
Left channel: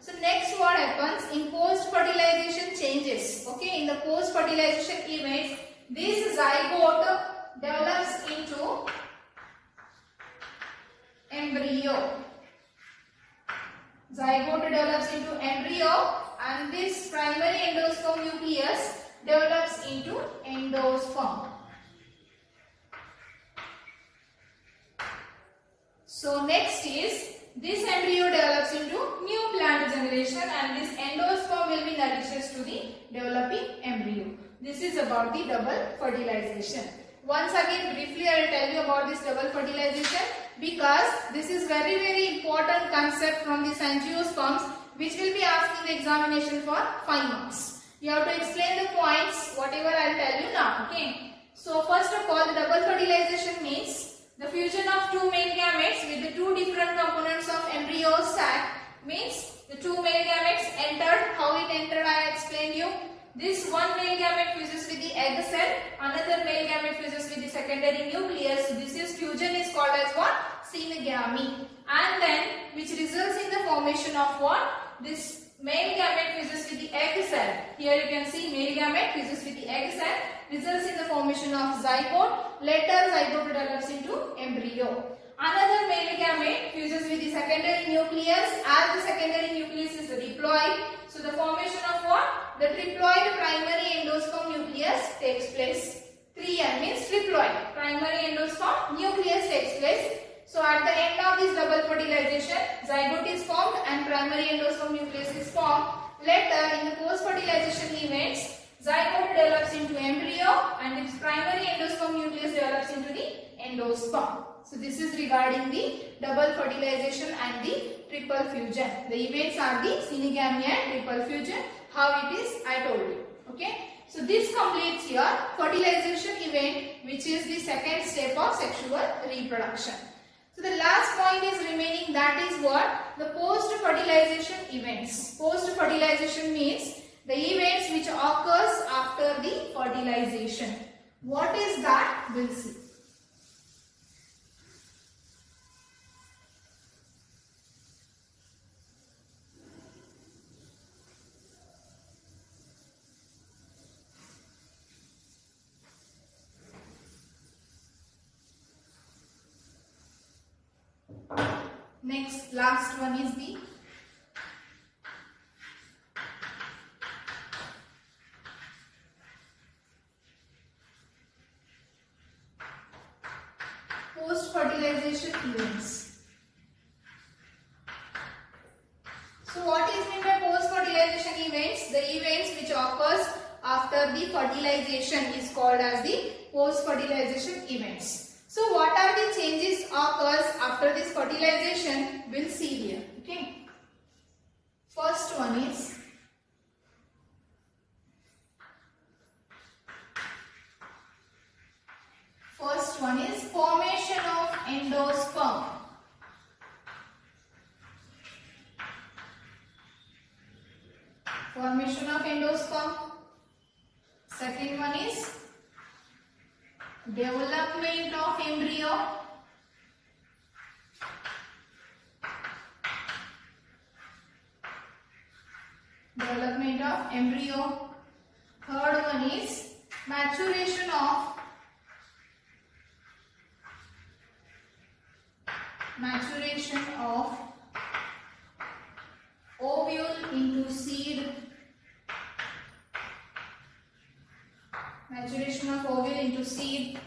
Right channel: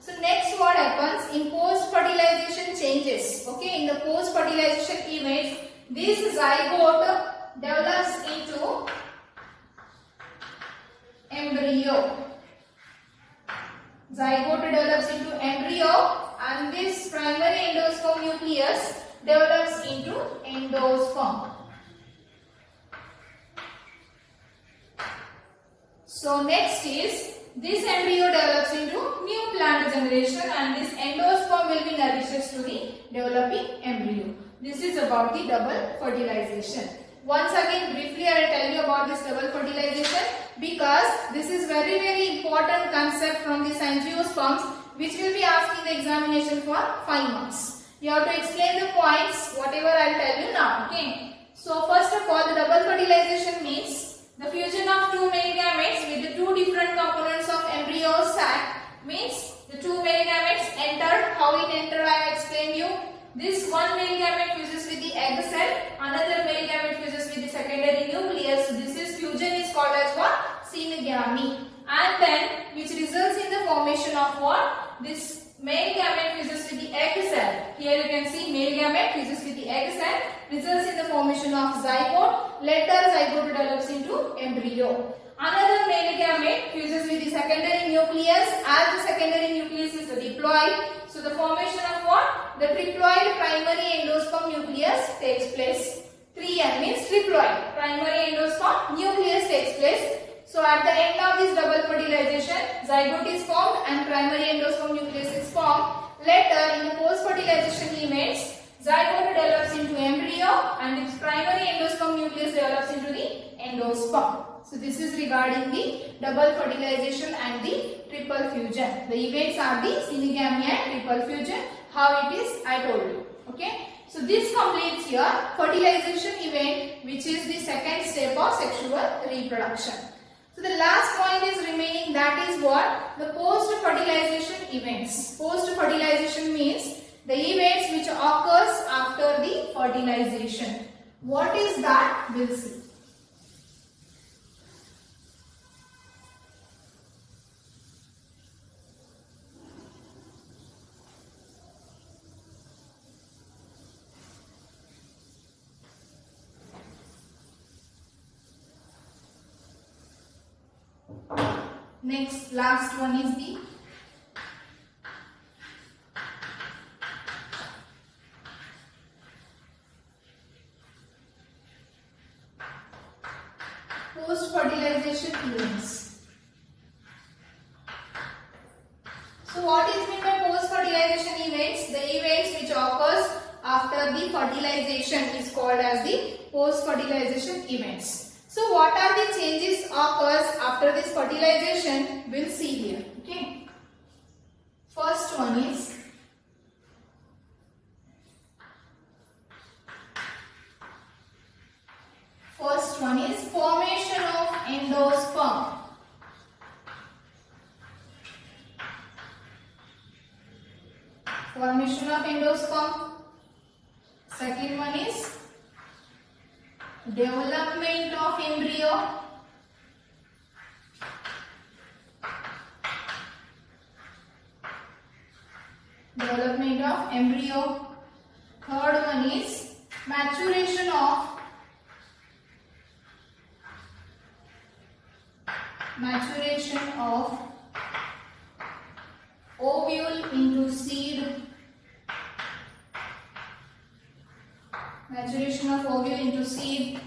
So next what happens in post-fertilization changes. Okay, in the post-fertilization events, this zygote develops into embryo. Zygote develops into embryo and this primary endosperm nucleus develops into endosperm. So next is this embryo develops into new plant generation and this endosperm will be nourishes to the developing embryo. This is about the double fertilization. Once again briefly I will tell you about this double fertilization because this is very important concept from these angiosperms which will be asked in the examination for 5 marks. You have to explain the points whatever I will tell you now. Okay. So first of all, the double fertilization means the fusion of two male gametes with the two different components of embryo sac. Means the two male gametes entered. How it entered I explained you. This one male gamete fuses with the egg cell, another male gamete fuses with the secondary nucleus. This is fusion is called as what? Synegamy. And then which results in the formation of what? This male gamete fuses with the egg cell. Here you can see male gamete fuses with the egg cell, results in the formation of zygote. Later zygote develops into embryo. Another male gamete fuses with the secondary nucleus. As the secondary nucleus is diploid, so the formation of what? The triploid primary endosperm nucleus takes place. 3N means triploid. Primary endosperm nucleus takes place. So at the end of this double fertilization, zygote is formed and primary endosperm nucleus is formed. Later in the post-fertilization events, zygote develops into embryo and its primary endosperm nucleus develops into the endosperm. So this is regarding the double fertilization and the triple fusion. The events are the synegamy and triple fusion. How it is I told you. Okay. So this completes your fertilization event, which is the second step of sexual reproduction. So the last point is remaining, that is what? The post-fertilization events. Post-fertilization means the events which occurs after the fertilization. What is that? We'll see. Next, last one is the post-fertilization events. So what is meant by post-fertilization events? The events which occurs after the fertilization is called as the post-fertilization events. So what are the changes occurs after this fertilization? We'll see here. Okay. First one is formation of endosperm. Formation of endosperm. Second one is development of embryo. Development of embryo. Third one is maturation of ovule into seed. Maturation of ovule into seed.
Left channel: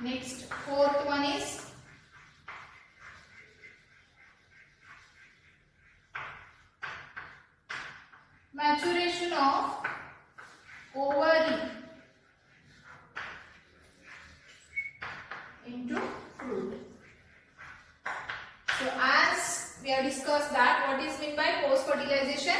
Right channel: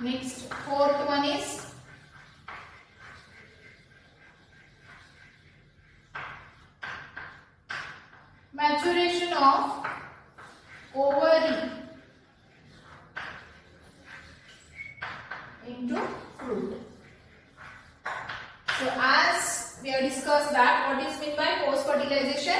Next, fourth one is maturation of ovary into fruit. So as we have discussed that, what is meant by post-fertilization?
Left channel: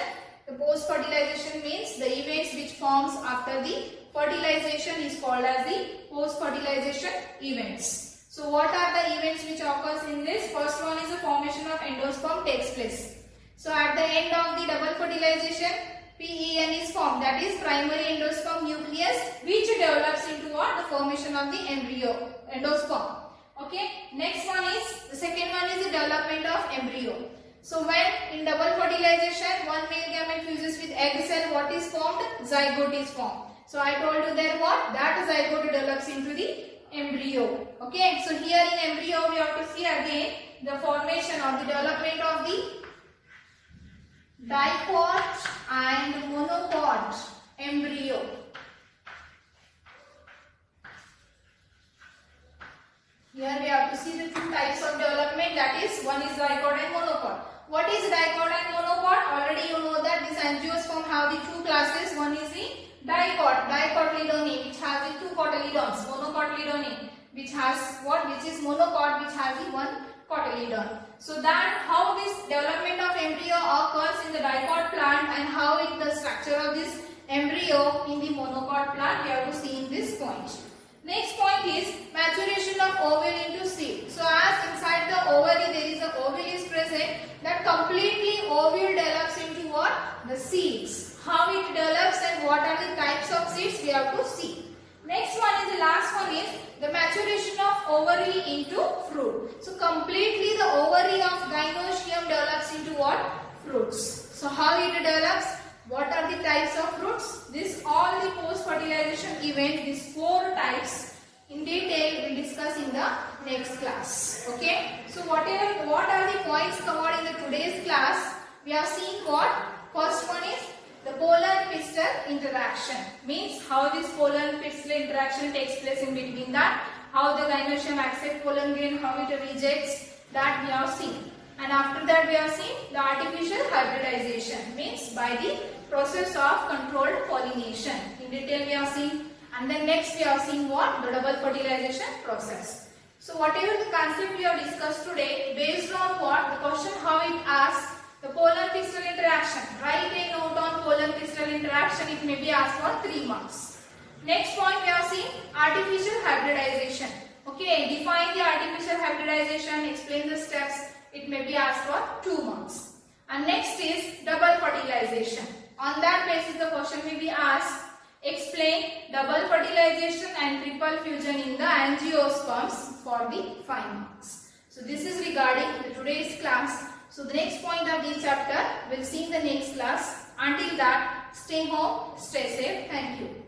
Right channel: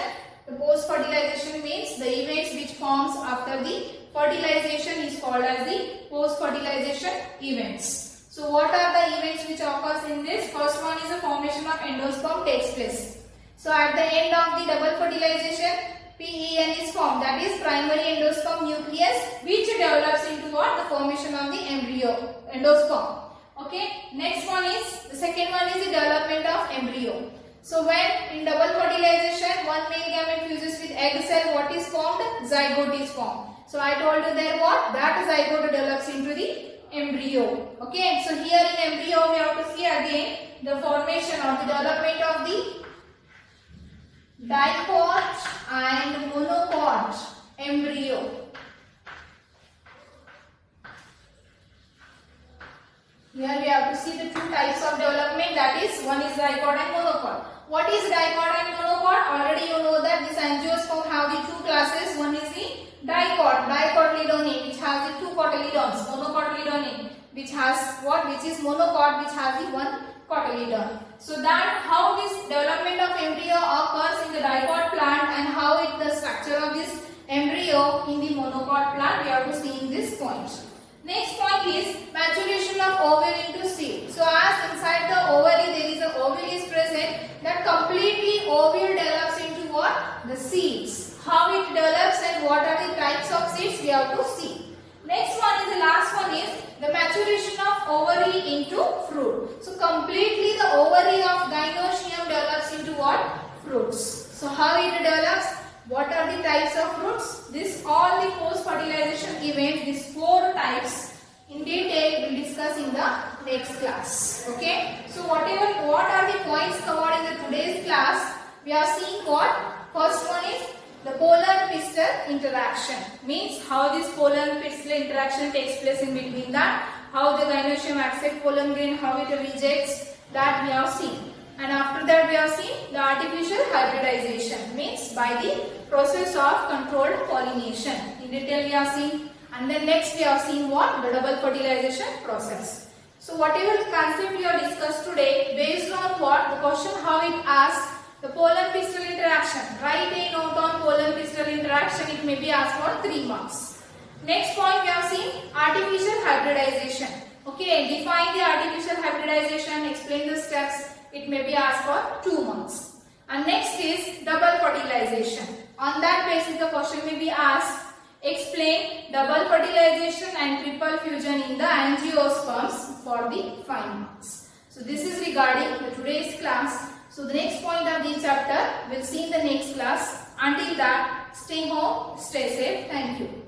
The post-fertilization means the events which forms after the fertilization is called as the post-fertilization events. So what are the events which occurs in this? First one is the formation of endosperm takes place. So at the end of the double fertilization, PEN is formed, that is primary endosperm nucleus, which develops into what? The formation of the embryo, endosperm. Okay. Next one is, the second one is the development of embryo. So when in double fertilization, one male gamete fuses with egg cell, what is formed? Zygote is formed. So I told you there what? That zygote develops into the embryo. Okay. So here in embryo we have to see again the formation or the development of the diploid and monopod embryo. Here we have to see the two types of development, that is one is diploid and monopod. What is diploid and monopod? Already you know that this angiosperm have the two classes. One is the dicotyledone, which has the two cotyledons. Monocotyledone, which has what? Which is monopod, which has the one cotyledon. So that how this development of embryo occurs in the diploid plant and how it the structure of this embryo in the monopod plant, we have to see in this point. Next point is maturation of ovule into seed. So as inside the ovary there is a ovule is present, that completely ovule develops into what? The seeds. How it develops and what are the types of seeds we have to see. Next one is the last one is the maturation of ovary into fruit. So completely the ovary of gynoecium develops into what? Fruits. So how it develops? What are the types of fruits? This all the post-fertilization events, these 4 types in detail we will discuss in the next class. Okay. So what are the points covered in the today's class? We are seeing what? First one is the polar pistil interaction. Means how this polar pistil interaction takes place in between that. How the gynoecium accepts pollen grain, how it rejects, that we have seen. And after that we have seen the artificial hybridization, means by the process of controlled pollination. In detail we have seen. And then next we have seen what? The double fertilization process. So whatever the concept we have discussed today, based on what? The question how it asks the polar pistil interaction. Write a note on polar pistil interaction. It may be asked for 3 marks. Next point we have seen artificial hybridization. Okay, define the artificial hybridization, explain the steps. It may be asked for 2 marks. And next is double fertilization. On that basis the question may be asked, explain double fertilization and triple fusion in the angiosperms for the 5 marks. So this is regarding the today's class. So the next point of this chapter we'll see in the next class. Until that, stay home, stay safe. Thank you.